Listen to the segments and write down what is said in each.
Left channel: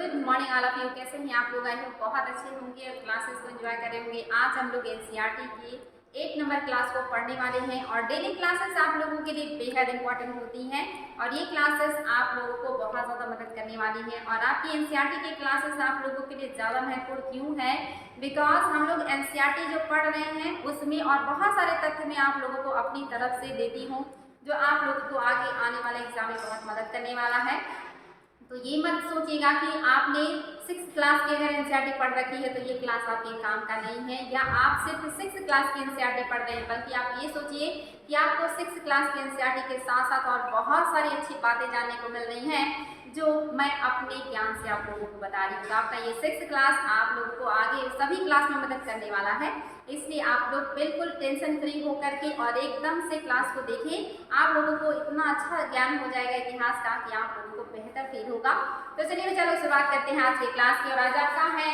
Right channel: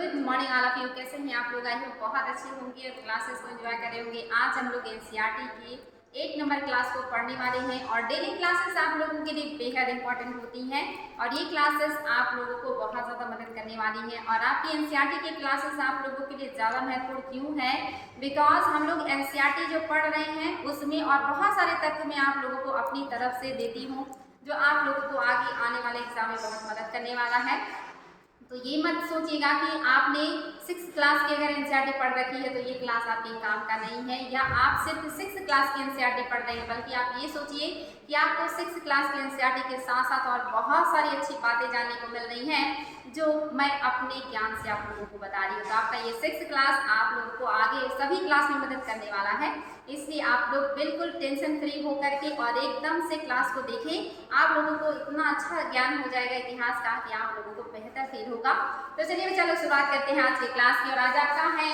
Good morning all of you. कैसे हैं आप लोग? आई होप बहुत अच्छे होंगे और क्लासेस को एंजॉय कर रहे होंगे। आज हम लोग एनसीईआरटी की 8 नंबर क्लास को पढ़ने वाले हैं और डेली क्लासेस आप लोगों के लिए बेहद इंपॉर्टेंट होती हैं और ये क्लासेस आप लोगों को बहुत ज़्यादा मदद करने वाली हैं। और आपकी एनसीईआरटी की क्लासेस आप लोगों के लिए ज़्यादा महत्वपूर्ण क्यों है? बिकॉज हम लोग एनसीईआरटी जो पढ़ रहे हैं उसमें और बहुत सारे तथ्य मैं आप लोगों को अपनी तरफ से देती हूँ जो आप लोगों को आगे आने वाले एग्जाम में बहुत मदद करने वाला है। तो ये मत सोचिएगा कि आपने 6 क्लास की अगर एनसीईआरटी पढ़ रखी है तो ये क्लास आपके काम का नहीं है, या आप सिर्फ 6 क्लास की एनसीईआरटी पढ़ रहे हैं, बल्कि आप ये सोचिए कि आपको 6 क्लास की एनसीईआरटी के साथ साथ और बहुत सारी अच्छी बातें जानने को मिल रही हैं जो मैं अपने ज्ञान से आप लोगों को बता रही हूँ। तो आपका ये 6 क्लास आप लोगों को आगे सभी क्लास में मदद करने वाला है, इसलिए आप लोग बिल्कुल टेंशन फ्री होकर के और एकदम से क्लास को देखें। आप लोगों को इतना अच्छा ज्ञान हो जाएगा इतिहास का कि आप लोगों को बेहतर फील होगा। तो चलिए चलो शुरुआत करते हैं आज की क्लास की। और आज आपका है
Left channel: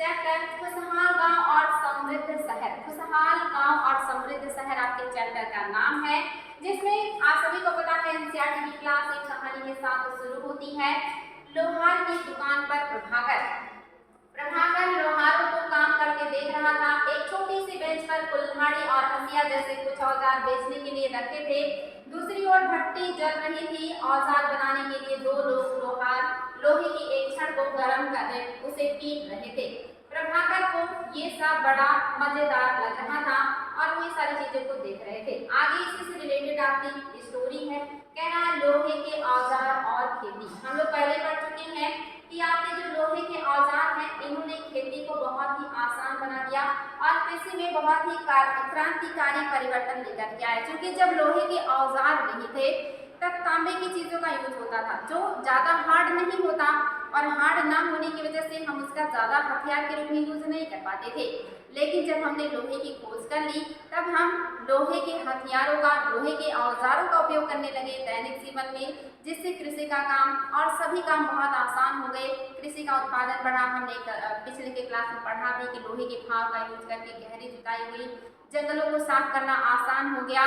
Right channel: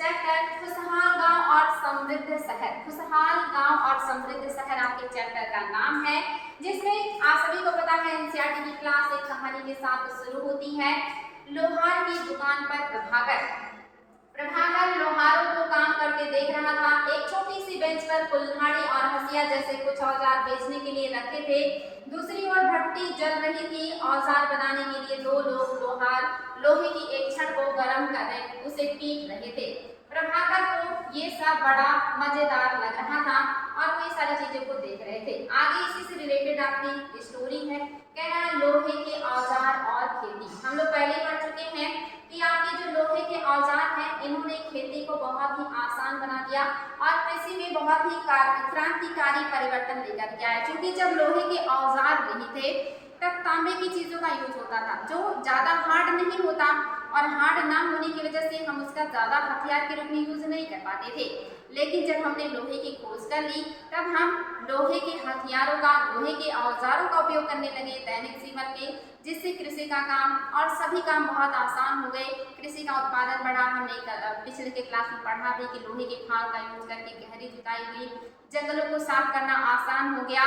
चैप्टर खुशहाल गांव और समृद्ध शहर। खुशहाल गांव और समृद्ध शहर आपके चैप्टर का नाम है, जिसमें आप सभी को पता है एनसीईआरटी की क्लास एक कहानी के साथ शुरू होती है। लोहार की दुकान पर प्रभाकर लोहारों को काम करते देख रहा था। एक छोटी सी बेंच पर कुल्हाड़ी और हंसिया जैसे कुछ औजार बेचने के लिए रखे थे। दूसरी ओर भट्टी जल रही थी। औजार बनाने के लिए 2 लोग लोहे की एक छड़ को गर्म कर उसे पीट रहे थे। प्रभाकर को ये सब बड़ा मजेदार लग रहा था और वो ये सारी चीजों को देख रहे थे। आगे इसी से रिलेटेड आपकी स्टोरी है, कह रहा है लोहे के औजार और खेती। हम लोग पहले पढ़ चुके हैं कि आपके जो लोहे के औजार हैं इन्होंने खेती को बहुत ही आसान बना दिया और कृषि में बहुत ही क्रांतिकारी परिवर्तन लेकर के आए। क्योंकि जब लोहे के औजार नहीं थे तब तांबे की चीजों का यूज होता था जो ज्यादा हार्ड नहीं होता, और हार्ड ना होने की वजह से हम उसका ज्यादा हथियार के रूप में यूज नहीं कर पाते थे। लेकिन जब हमने लोहे की खोज कर ली तब हम लोहे के हथियारों का, लोहे के औजारों का उपयोग करने लगे दैनिक जीवन में, जिससे कृषि का काम और सभी काम बहुत आसान हो गए। कृषि का उत्पादन बढ़ा। हमने पिछले के क्लास में पढ़ा भी कि लोहे के फाल का यूज करके गहरी जुताई हुई, जंगलों को साफ करना आसान हो गया।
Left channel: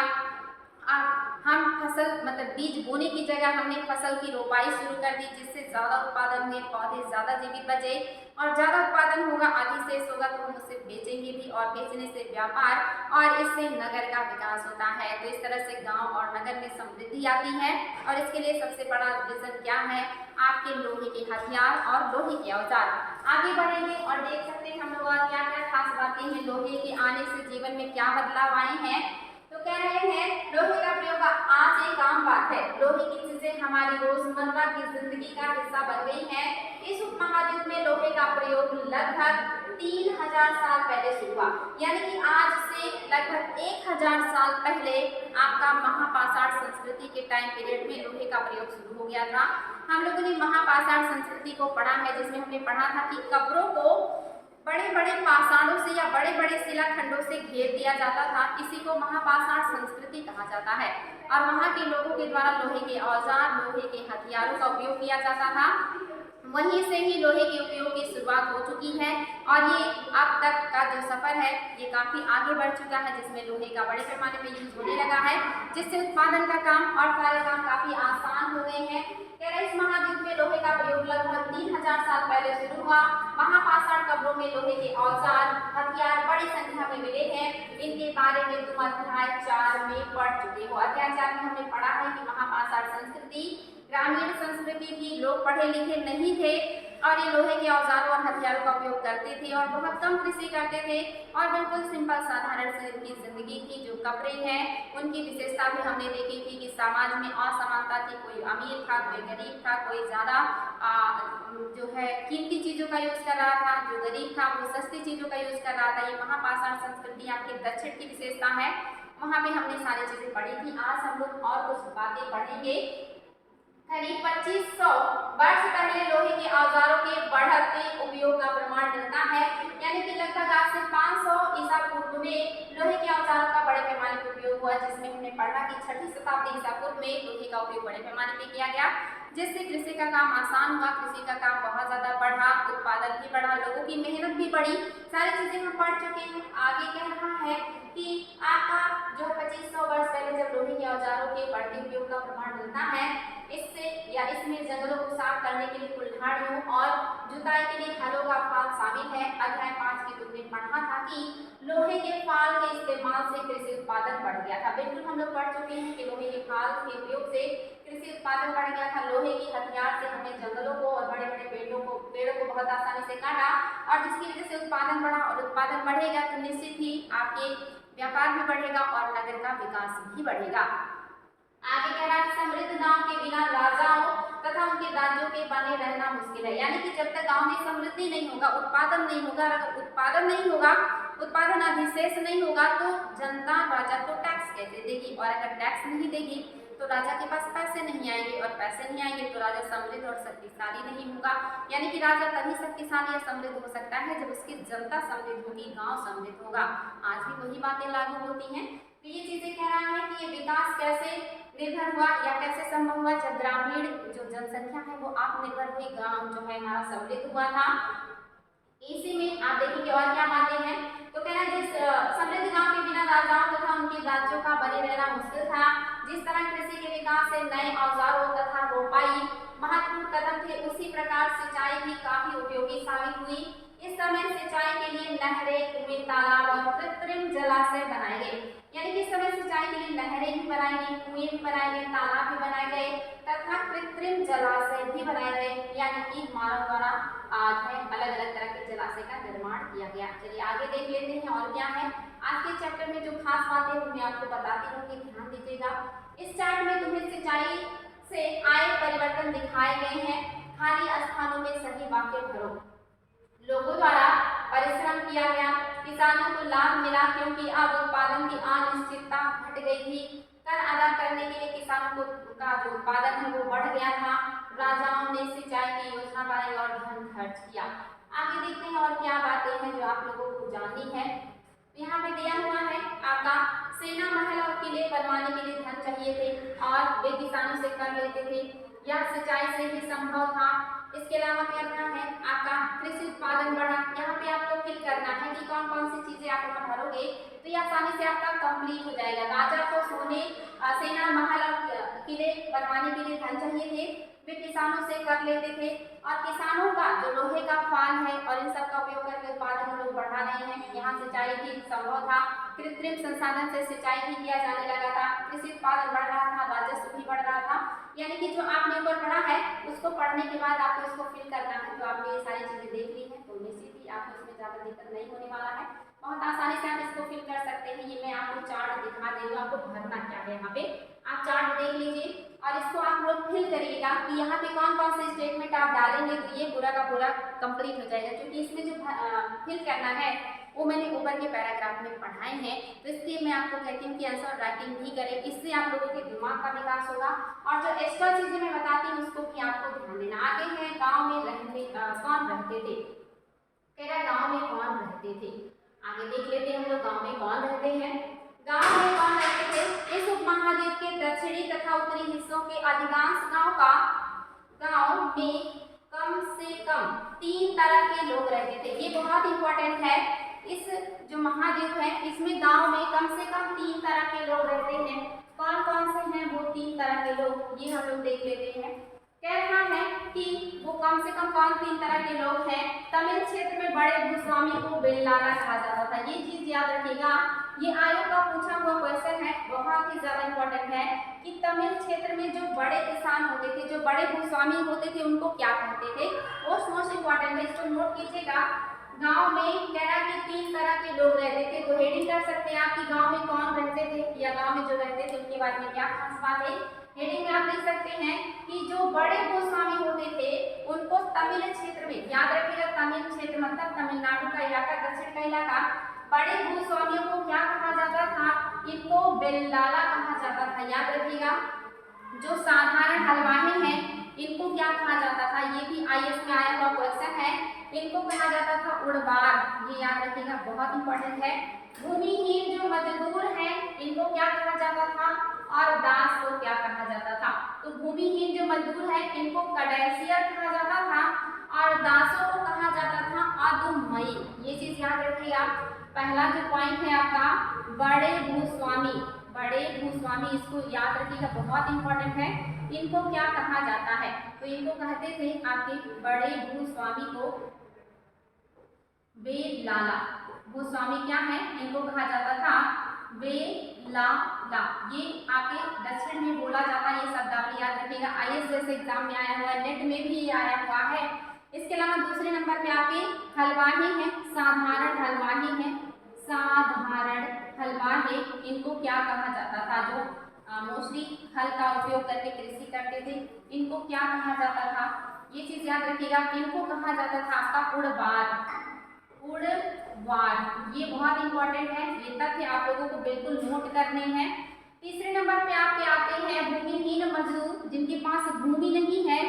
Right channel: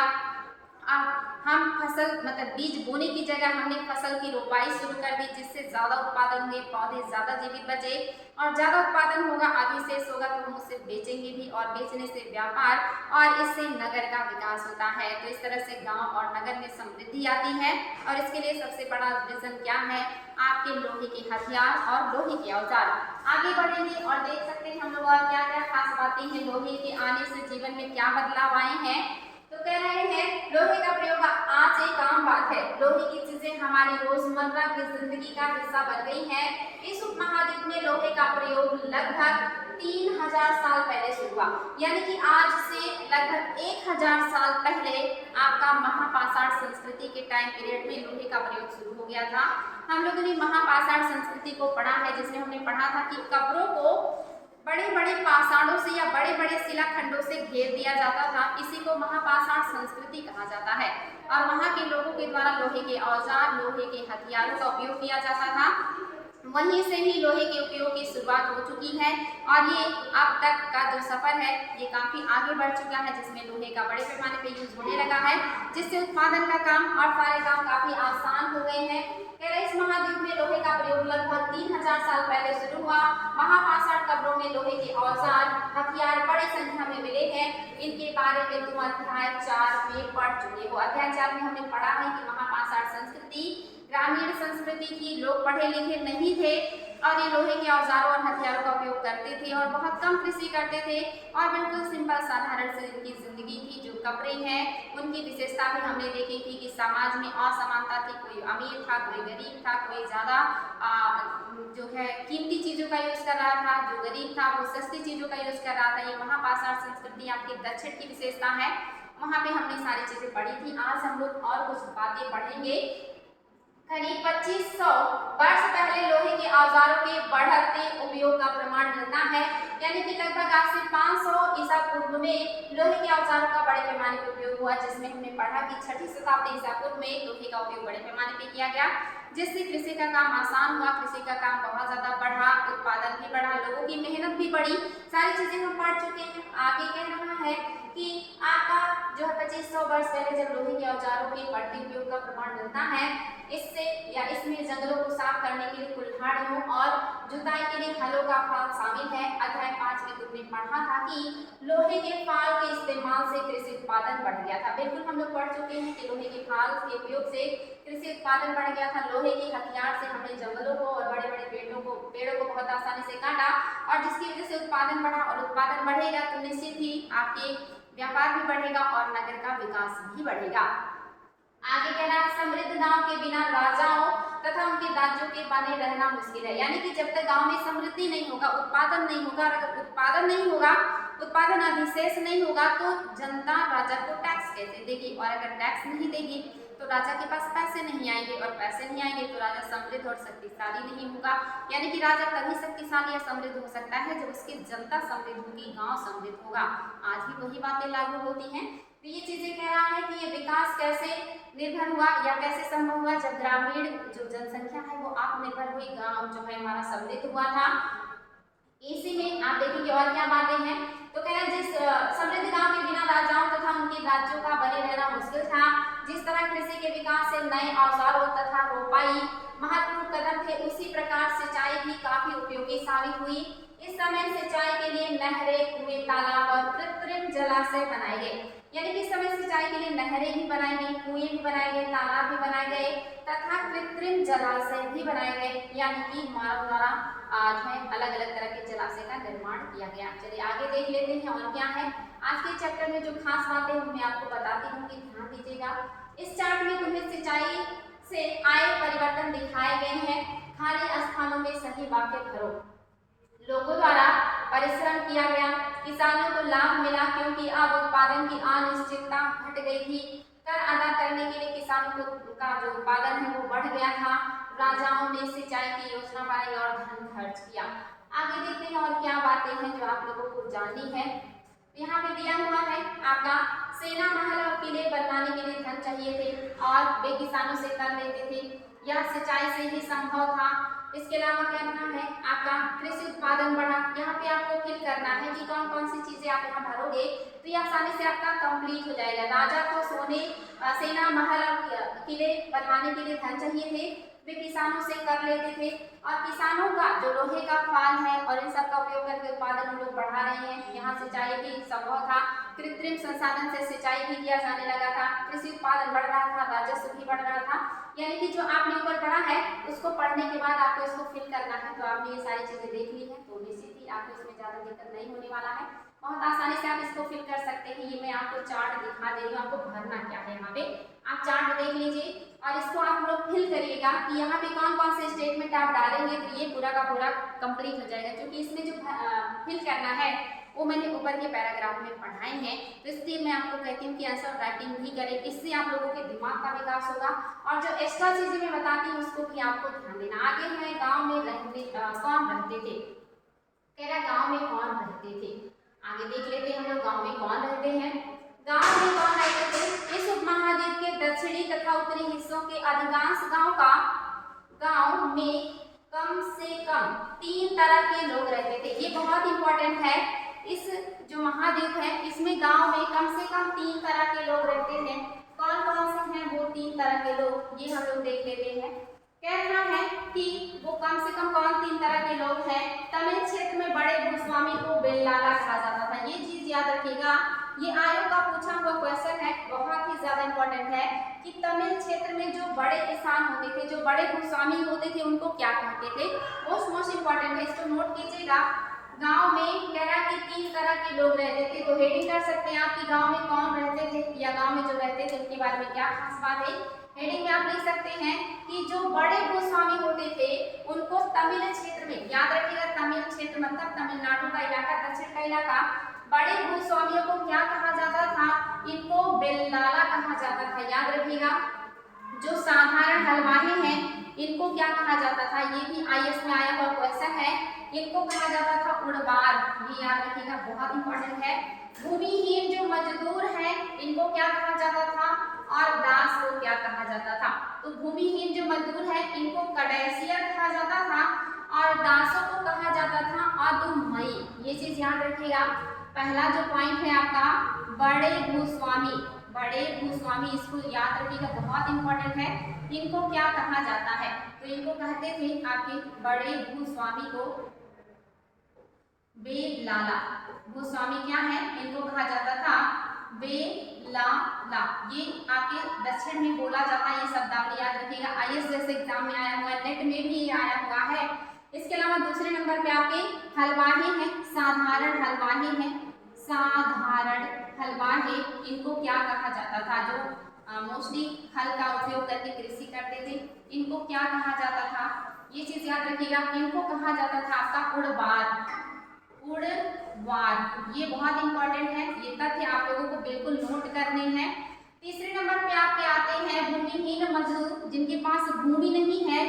अब हम फसल बीज बोने की जगह हमने फसल की रोपाई शुरू कर दी, जिससे ज़्यादा उत्पादन हुए, पौधे ज़्यादा जीवित बचे और ज़्यादा उत्पादन होगा, अधिशेष होगा तो हम उसे बेचेंगे भी और बेचने से व्यापार और इससे नगर का विकास होता है। तो इस तरह से गांव और नगर में समृद्धि आती है और इसके लिए सबसे बड़ा रीजन क्या है? आपके लोहे के हथियार और लोहे के औजार। आगे बढ़ेंगे और देख सकते हैं हम लोग और क्या क्या खास बातें हैं लोहे के आने से जीवन में क्या बदलाव आए हैं। तो कह रहे हैं लोहे का प्रयोग आज एक आम बात है। लोहे की चीजें हमारी रोजमर्रा की जिंदगी का हिस्सा बन गई हैं। इस उपमहाद्वीप में लोहे का प्रयोग लगभग 3000 साल पहले शुरू हुआ, यानी कि आज से लगभग 1000 साल पहले आपका महापाषाण संस्कृति के टाइम पीरियड में लोहे का प्रयोग शुरू हो गया था। हम लोगों ने महापाषाण संस्कृति को पढ़ा है, जिसमें हमने पढ़ा था कि कब्रों को बड़े बड़े पाषाणों से या बड़े बड़े शिलाखंडों से घेर दिया जाता था। इसी को महापाषाण संस्कृति कहा जाता है और वहाँ के लोगों के द्वारा लोहे के औजार, लोहे के हथियारों का उपयोग किया जाता था। वहीं से ही लोहे के उपयोग की शुरुआत हो चुकी है और ये अब तक का जो सफर है ये काफी आगे बढ़ चुका है, जिसमें लोहे का बड़े पैमाने पे यूज होने लगा है, जिससे उत्पादन का काम और सारे काम काफी आसान हो गए हैं। इस महाद्वीप में लोहे का प्रयोग लगभग 3000 साल पहले शुरू हुआ। महापाषाण कब्रों में लोहे के औजार, हथियार बड़ी संख्या में मिले हैं। इनके बारे में तुम अध्याय 4 में पढ़ चुके हो। अध्याय 4 में हमने पढ़ा है कि महापाषाण संस्कृति ग्रामीण संस्कृति थी, लोग पढ़े लिखे नहीं थे और ये लोहे के औजारों और हथियारों का उपयोग करते थे और बहुत कम कृषि करते थे और बिल्कुल सिंपल साधारण से उनकी जिंदगी थी। जो कपड़े हैं उनकी विशेषता भी हमने देखी थी कि समाज में असमानता थी, कोई अमीर था, कोई गरीब था, कोई ज़्यादा जो है कीमती चीज़ों का यूज़ कर रहा था, जो गरीब था वो सस्ती चीज़ों का यूज़ कर रहा था। ये महापाषाण संस्कृति आपके दक्षिण की विशेषता है, वहाँ पे हमने सारी चीज़ें पढ़ी थी। आज हम लोग और कुछ बातें पढ़ेंगे। करीब 2500 वर्ष पहले लोहे के औजारों के बढ़ते उपयोग का प्रमाण मिलता है, यानी कि लगभग आज से 500 ईसा पूर्व में लोहे के औजारों का बड़े पैमाने पर उपयोग हुआ, जिसमें हमने पढ़ा कि 6ठी शताब्दी ईसा पूर्व में लोहे का उपयोग बड़े पैमाने पर किया गया, जिससे कृषि का काम आसान हुआ, कृषि का काम बहुत ज़्यादा बढ़ा, उत्पादन भी बढ़ा, लोगों की मेहनत भी बढ़ी। सारी चीज़ें हम पढ़ चुके हैं। आगे कह रहा है कि आपका जो है 2500 वर्ष पहले जब लोहे के औजारों के बढ़ते उपयोग का प्रमाण मिलता है, इससे या इसमें जंगलों को साफ करने के लिए कुल्हाड़ियों और जुताई के लिए हलों का फाल शामिल है। अध्याय 5 में तुमने पढ़ा था कि लोहे के फाल के इस्तेमाल से कृषि उत्पादन बढ़ गया था। बिल्कुल हम लोग पढ़ चुके हैं कि लोहे के फाल के उपयोग से कृषि उत्पादन बढ़ गया था। लोहे की हथियार से हमने जंगलों को और बड़े बड़े पेड़ों को बहुत आसानी से काटा और जिसकी वजह से उत्पादन बढ़ा, और उत्पादन बढ़ेगा तो निश्चित ही आपके व्यापार भी बढ़ेगा और नगर का विकास भी बढ़ेगा। आगे कह रहा है समृद्ध गांव के बिना राजाओं तथा उनके राज्यों के बने रहना मुश्किल है। यानी कि जब तक गांव में समृद्धि नहीं होगा, उत्पादन नहीं होगा, अगर उत्पादन नहीं होगा, उत्पादन अधिशेष नहीं होगा तो जनता राजा को टैक्स कैसे देगी, और अगर टैक्स नहीं देगी तो राजा के पास पैसे नहीं आएंगे, और पैसे नहीं आएंगे तो राजा समृद्ध और शक्तिशाली नहीं होगा। यानी कि राजा तभी शक्तिशाली या समृद्ध हो सकता है जब उसकी जनता समृद्ध होगी, गांव समृद्ध होगा। आज भी वही बातें लागू होती हैं। तो ये चीजें कह रहा है कि ये विकास कैसे निर्भर हुआ या कैसे संभव हुआ, जब ग्रामीण जो जनसंख्या है वो आत्मनिर्भर हुई, गांव जो है हमारा समृद्ध हुआ था। इसी में आप देखेंगे और क्या बातें हैं। तो कह रहे हैं जिस समृद्ध गांव के बिना राजाओं तथा उनके राज्यों का बने रहना मुश्किल था। जिस तरह कृषि के विकास से नए औजारों तथा रोपाई महत्वपूर्ण कदम थे, उसी प्रकार सिंचाई भी काफी उपयोगी साबित हुई। इस समय सिंचाई के लिए नहरें, कुएं, तालाब और कृत्रिम जलाशय बनाए गए। यानी कि इस समय सिंचाई के लिए नहरें भी बनाई गई, कुएं भी बनाए गए, तालाब भी बनाए गए तथा कृत्रिम जलाशय भी बनाए गए। यानी कि मानव द्वारा आज है अलग अलग तरह के जलाशय का निर्माण किया गया। चलिए आगे देख लेते हैं और क्या है आज के चैप्टर में जो खास बातें हैं मैं आपको बताती हूँ कि ध्यान दीजिएगा। इस चार्ट में तुम्हें सिंचाई से आए परिवर्तन दिखाए गए हैं। खाली स्थानों में सही वाक्य भरो। लोगों द्वारा परिश्रम किया गया, किसानों को लाभ मिला क्योंकि अब उत्पादन की अनिश्चितता घट गई थी। कर अदा करने के लिए किसानों का जो उत्पादन है वो बढ़ गया था। राजाओं ने सिंचाई की योजना बनाई और धन खर्च किया। आगे देखते हैं और क्या बातें हैं जो आप लोगों को जाननी है। यहाँ पे दिया हुआ है आपका सेना, महल और किले बनवाने के लिए धन चाहिए थे और वे किसानों से कर लेते थे। यह सिंचाई से ही संभव था। इसके अलावा क्या करना है आपका कृषि उत्पादन बढ़ा। यहाँ पे आपको फिल करना है कि कौन कौन सी चीजें आप यहाँ भरोगे तो ये आसानी से आपका कंप्लीट हो जाएगा। राजा को सोने, सेना, महल और किले बनवाने के लिए धन चाहिए थे, वे किसानों से कर लेते थे और किसानों का जो लोहे का फाल है और इन सब का उपयोग करके उत्पादन लोग बढ़ा रहे हैं। यहाँ सिंचाई भी संभव था। कृत्रिम संसाधन से सिंचाई भी किया जाने लगा था। कृषि उत्पादन बढ़ रहा था, राजस्व भी बढ़ रहा था। यानी कि जो आपने ऊपर पढ़ा है उसको पढ़ने के बाद आपको इसको फिल करना है। तो आपने ये सारी चीजें देख ली हैं तो निश्चित ही आपको इसमें ज्यादा दिक्कत नहीं होने वाला है। बहुत आसानी से आप इसको फिल कर सकते हैं। ये मैं आपको चार्ट दिखा दे रही हूँ, आपको भरना क्या है। यहाँ पे आप चार्ट देख लीजिए और इसको आप लोग फिल करिएगा कि यहाँ पे कौन कौन से स्टेटमेंट आप डालेंगे तो ये पूरा का पूरा कंप्लीट हो जाएगा। क्योंकि इसमें जो फिल करना है वो मैंने ऊपर के पैराग्राफ में पढ़ाए हैं, तो इसलिए मैं आपको कहती हूँ कि आंसर राइटिंग भी करें। इससे आप लोगों के दिमाग का विकास होगा और जो एक्स्ट्रा चीजें मैं बताती हूँ उसको भी आपको ध्यान देना। आगे है गाँव में कौन रहते थे। कह रहा गाँव में कौन रहते थे। आगे देख लेते हैं हम लोग गाँव में कौन रहते हैं। गाँव में कौन रहते थे। इस उपमहाद्वीप के दक्षिणी तथा उत्तरी हिस्सों के अधिकांश गाँव में कम से कम 3 तरह के लोग रहते थे। ये बहुत इंपॉर्टेंट है। इस जो महाद्वीप है इसमें गांव में कम से कम 3 तरह के लोग रहते हैं। कौन कौन से हैं वो 3 तरह के लोग, ये हम लोग देख लेते हैं। कह रहा है कि वो कम से कम कौन 3 तरह के लोग हैं। तमिल क्षेत्र में बड़े भूस्वामी को बेल्लाला कहा जाता था। ये चीज याद रखिएगा, ये आयोग का पूछा हुआ क्वेश्चन है, बहुत ही ज्यादा इंपॉर्टेंट है कि तमिल क्षेत्र में जो बड़े किसान होते थे, जो बड़े भूस्वामी होते थे उनको क्या कहते थे। मोस्ट इंपॉर्टेंट है, इसको नोट कीजिएगा। गांव में कह रहा कि 3 तरह के लोग रहते थे। तो हेडिंग कर सकते हैं आप कि गांव में कौन रहते थे या गांव में जो रहते थे उनके बारे में क्या खास बात है। हेडिंग में आप लिख सकते हैं कि जो बड़े भूस्वामी होते थे उनको तमिल क्षेत्र में, याद रखिएगा तमिल क्षेत्र मतलब तमिलनाडु का इलाका, दक्षिण का इलाका, बड़े भूस्वामियों को क्या कहा जाता था, इनको बेल्लाला कहा जाता था। याद रखिएगा। जो साधारण हलवाई हैं इनको क्या कहा जाता था, ये भी आईएएस में आया हुआ क्वेश्चन है। इनको कहा जाता था उड़वार, ये याद रखिएगा, बहुत इंपॉर्टेंट है। भूमिहीन जो मजदूर हैं इनको क्या कहा जाता था और दास को क्या कहा जाता था। तो भूमिहीन जो मजदूर है इनको कडेसियर कहा जाता था और दासों को कहा जाता था अदुमई। ये चीज याद रखिएगा। पहला जो पॉइंट है आपका बड़े भूस्वामी, बड़े भूस्वामी, इसको याद रखिएगा, बहुत इंपॉर्टेंट है। इनको क्या कहा जाता है तो इनको कहते थे आपके बड़े भूस्वामी को बेलाला। भूस्वामी क्या है, इनको कहा जाता था बेलाला। ये आपके दक्षिण में बोला जाता है, ये शब्दावली याद रखिएगा। आईएएस जैसे एग्जाम में आया हुआ है, नेट में भी आया हुआ है। इसके अलावा दूसरे नंबर पे आपके हलवाही हैं, साधारण हलवाही हैं, साधारण हलवाही। इनको क्या कहा जाता था, जो मोस्टली हल का उपयोग करके कृषि करते थे, इनको क्या कहा जाता था, ये चीज याद रखिएगा। इनको कहा जाता था आपका उड़वार। उड़वार ये बहुत इंपॉर्टेंट है, ये तथ्य आप लोगों को बिल्कुल नोट करने हैं। तीसरे नंबर पे आपके आते हैं भूमिहीन मजदूर, जिनके पास भूमि नहीं है,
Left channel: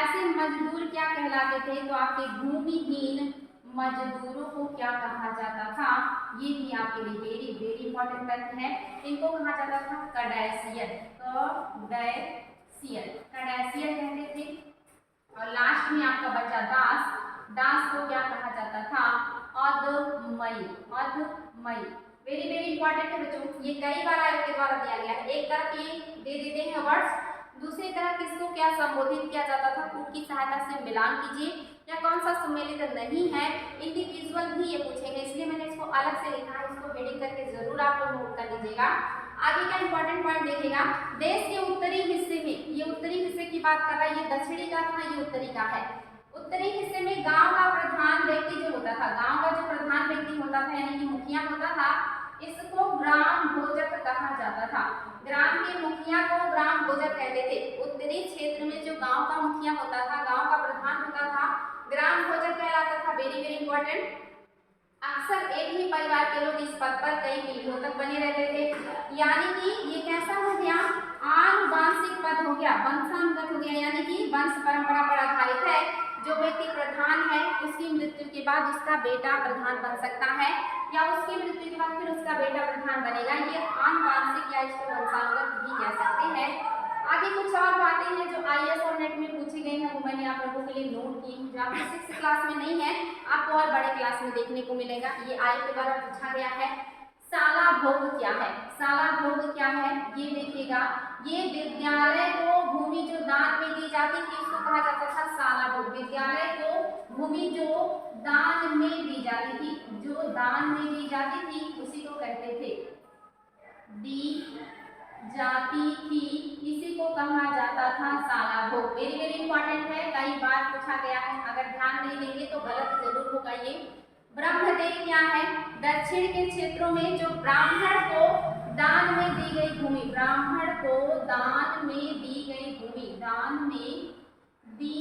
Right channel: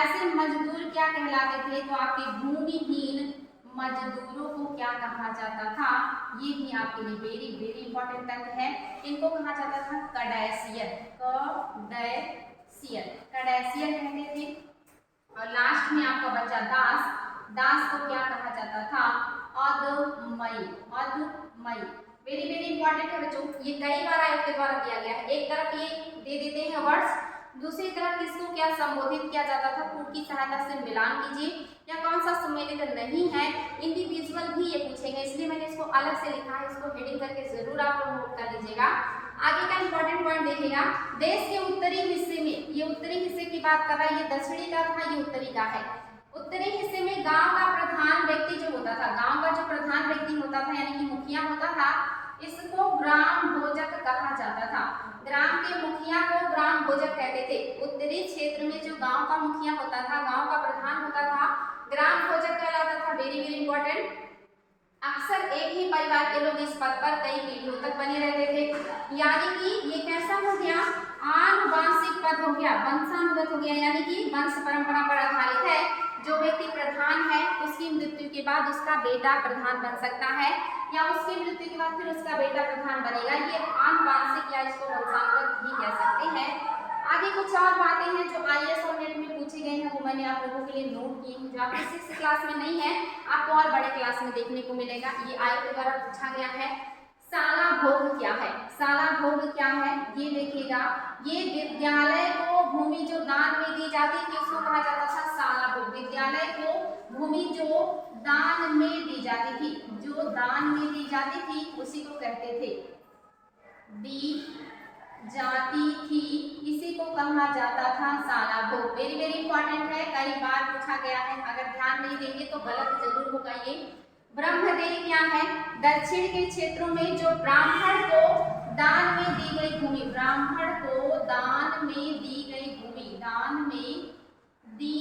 ऐसे मजदूर क्या कहलाते थे, तो आपके भूमिहीन मजदूरों को क्या कहा जाता था, ये भी आपके लिए वेरी वेरी इंपॉर्टेंट तथ्य है। इनको कहा जाता था कड़ैसियर। कड़ैसियर, कड़ैसियर कहते थे। और लास्ट में आपका बचा दास। दास को क्या कहा जाता था, अधमई। अधमई वेरी वेरी इंपॉर्टेंट है बच्चों, ये कई बार आयोग के द्वारा दिया गया है। एक तरफ ये दे देते हैं वर्ड्स, दूसरी तरफ किसको क्या संबोधित किया जाता था, पुट की सहायता से मिलान कीजिए, या कौन सा सम्मिलित नहीं है, इंडिविजुअल भी ये पूछेंगे, इसलिए मैंने इसको अलग से लिखा है, इसको हेडिंग करके जरूर आप लोग नोट कर लीजिएगा। आगे का इंपॉर्टेंट पॉइंट देखिएगा, देश के उत्तरी हिस्से में, ये उत्तरी हिस्से की बात कर रहा है, ये दक्षिणी का था, ये उत्तरी का है। उत्तरी हिस्से में गांव का प्रधान व्यक्ति जो होता था, गांव का जो प्रधान व्यक्ति होता था यानी कि मुखिया होता था, इसको ग्राम भोजक कहा जाता था। ग्राम के मुखिया को ग्राम भोजक कहते थे। उत्तरी क्षेत्र में जो गांव का मुखिया होता था, गांव का प्रधान होता था, ग्राम भोजक कहलाता था। Very very important. अक्सर एक ही परिवार के लोग इस पद पर कई पीढ़ियों तक बने रहते थे, यानी कि ये कैसा हो गया, आनुवांशिक पद हो गया, वंशानुगत हो गया, यानी कि वंश परंपरा पर आधारित है। जो व्यक्ति प्रधान है उसकी मृत्यु के बाद उसका बेटा प्रधान बन सकता है, या उसकी मृत्यु के बाद फिर उसका बेटा प्रधान बनेगा। ये आनुवांशिक या इसको वंशानुगत भी कह सकते हैं। आगे कुछ और बातें हैं जो आईएएस और नेट में पूछी गई हैं, वो मैंने आप लोगों के लिए नोट की हैं, जो आपकी 6th क्लास में नहीं है, आपको और बड़े क्लास में देखने को मिलेगा। ये आयोग के द्वारा पूछा गया है। साला भोग क्या है, साला भोग क्या है, ये देखिएगा। ये विद्यालय को भूमि जो दान में दी जाती थी उसको कहा जाता था साला भोग। विद्यालय को भूमि जो दान में दी जाती थी, जो दान में दी जाती थी उसी को कहते थे, दी जाती थी, इसी को कहा जाता था साला भोग। वेरी वेरी इंपॉर्टेंट है, कई बार पूछा गया है, अगर ध्यान नहीं देंगे तो गलत जरूर होगा ये। ब्रह्मदेव क्या है, दक्षिण के क्षेत्रों में जो ब्राह्मण को दान में दी गई भूमि, ब्राह्मण को दान में दी गई भूमि, दान में दी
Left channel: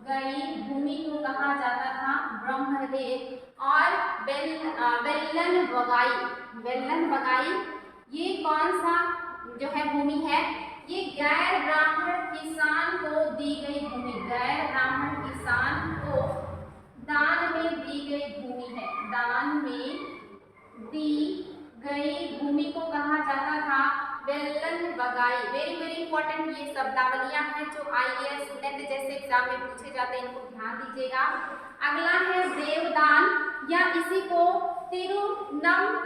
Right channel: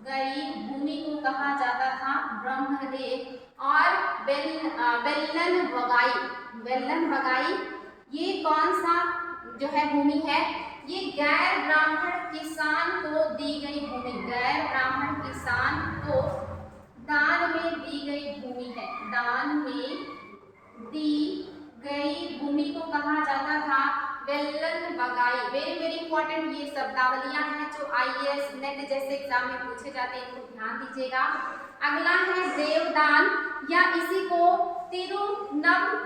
गई भूमि को कहा जाता था ब्रह्मदेव। और वेल्लन बगाई, वेल्लन बगाई ये कौन सा जो है भूमि है, ये गैर ब्राह्मण किसान को दी गई भूमि, गैर ब्राह्मण किसान को दान में दी गई भूमि है, दान में दी गई भूमि को कहा जाता था वेल्लन बगाई। वेरी वेरी इंपॉर्टेंट ये शब्दावलियां हैं जो आईएएस नेट जैसे एग्जाम में पूछे जाते हैं, इनको ध्यान दीजिएगा। अगला है देवदान, या इसी को तिरुनम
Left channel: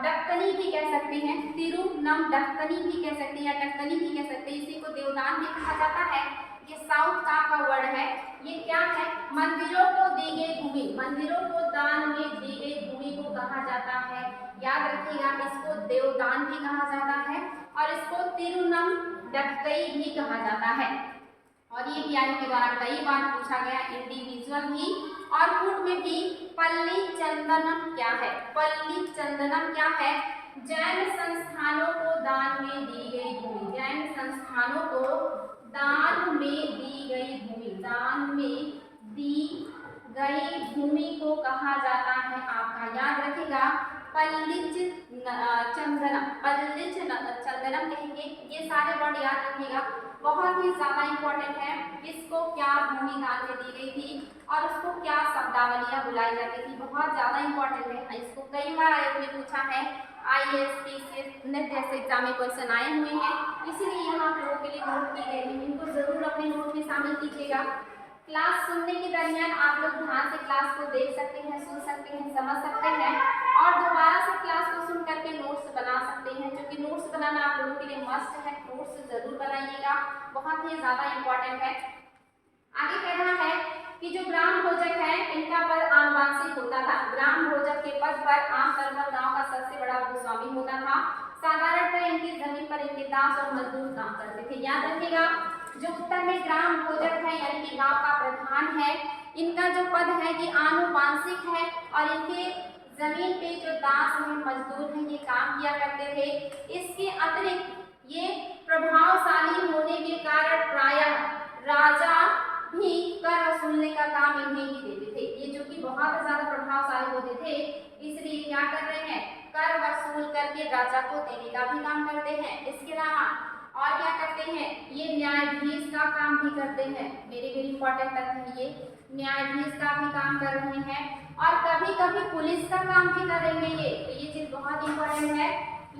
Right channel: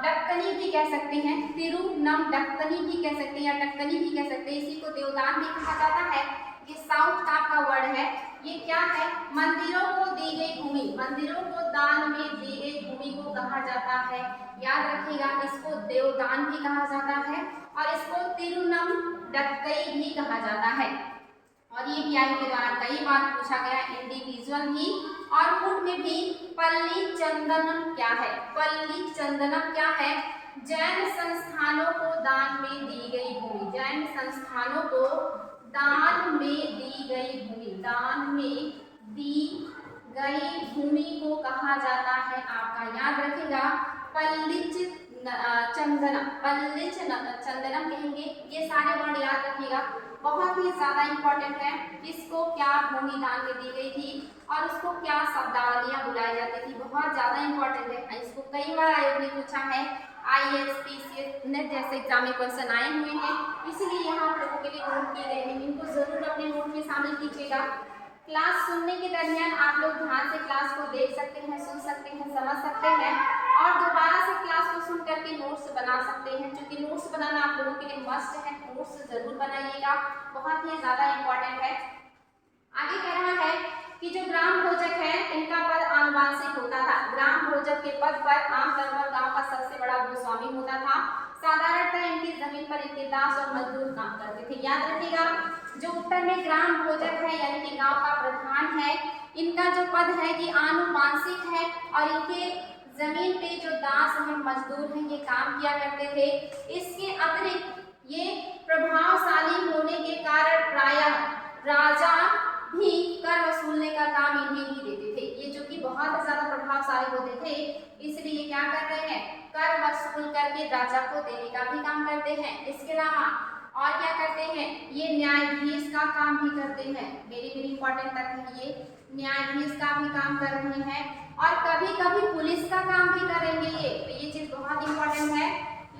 डक्कनी भी कह सकते हैं, तिरुनम डक्कनी भी कह सकते हैं, या डक्कनी भी कह सकते हैं, इसी को देवदान भी कहा जाता है। ये साउथ का वर्ड है। ये क्या है, मंदिरों को दी गई भूमि, मंदिरों को दान में दी गई भूमि को कहा जाता है, याद रखिएगा, इसको देवदान भी कहा जाता है और इसको तिरुनम डक्कई भी कहा जाता है। और ये भी आयोग के द्वारा कई बार पूछा गया, इंडिविजुअल भी और गुट में भी। पल्ली चंदनम क्या है, पल्ली चंदनम क्या है, जैन संस्थानों को दान में दी गई भूमि, जैन संस्थानों को दान में दी गई भूमि, दान में दी गई भूमि को कहा जाता है आपका, याद रखेगा, पल्लिच चंदनम, पल्लिच चंदनम कहेंगे। ये सारे वर्ड याद रखिएगा, बहुत ही ज्यादा इंपॉर्टेंट है। इसको क्या भूमि दान में दी गई थी और उसको क्या शब्दावलियां बुलाई जाती थी, बहुत ज्यादा इंपॉर्टेंट है। इसको कई बार आयोग ने पूछा है, आईएएस पीसीएस नेट जैसे एग्जाम में क्वेश्चन आए हुए हैं, इसीलिए यहाँ आप लोगों के लिए नोट किए गए हैं, इनको जरूर अपने नोट में शामिल कीजिएगा। क्लास सुनने के दरमियान आप लोग ध्यान से क्लास को देख सकते हैं, सुन सकते हैं, समझ सकते हैं और दोबारा से क्लास को सुन करके नोट्स बना सकते हैं, जो कि नोट्स बनाना आप लोगों के लिए मस्ट है। नोट्स जरूर बनाइएगा, बहुत ही ज़्यादा इंपॉर्टेंट है। आगे कह रहा है कि जो ग्राम भोजक है इनका पद आनुवांशिक होता था। ग्राम भोजक के पद पर आमतौर पर गांव का सबसे बड़ा भूस्वामी होता था। साधारणतः इनकी जमीन पर इनके दास और मजदूर काम करते थे। याद रखिएगा, जो उत्तर में ग्राम भोजक है यानी कि गांव का प्रधान है, इनका जो पद है ये आनुवांशिक है और इनके जमीन पे जो दास हैं मजदूर हैं ये काम किया करते थे। इसके अतिरिक्त ये प्रभावशाली होने के कारण प्रायः राजा भी कर वसूलने का काम इन्हें ही देते थे। ये जो कि बहुत ज्यादा प्रभावशाली होते थे, इसलिए क्या कर रहे हैं, कर वसूल करके राजा को देने का भी काम करते हैं। इसके अलावा और क्या करते हैं, ये न्यायाधीश का काम भी करते हैं। वेरी वेरी इंपॉर्टेंट तथ्य है, ये न्यायाधीश का भी काम कर रहे हैं और कभी कभी पुलिस का काम भी करेंगे। ये चीज बहुत इंपॉर्टेंट है।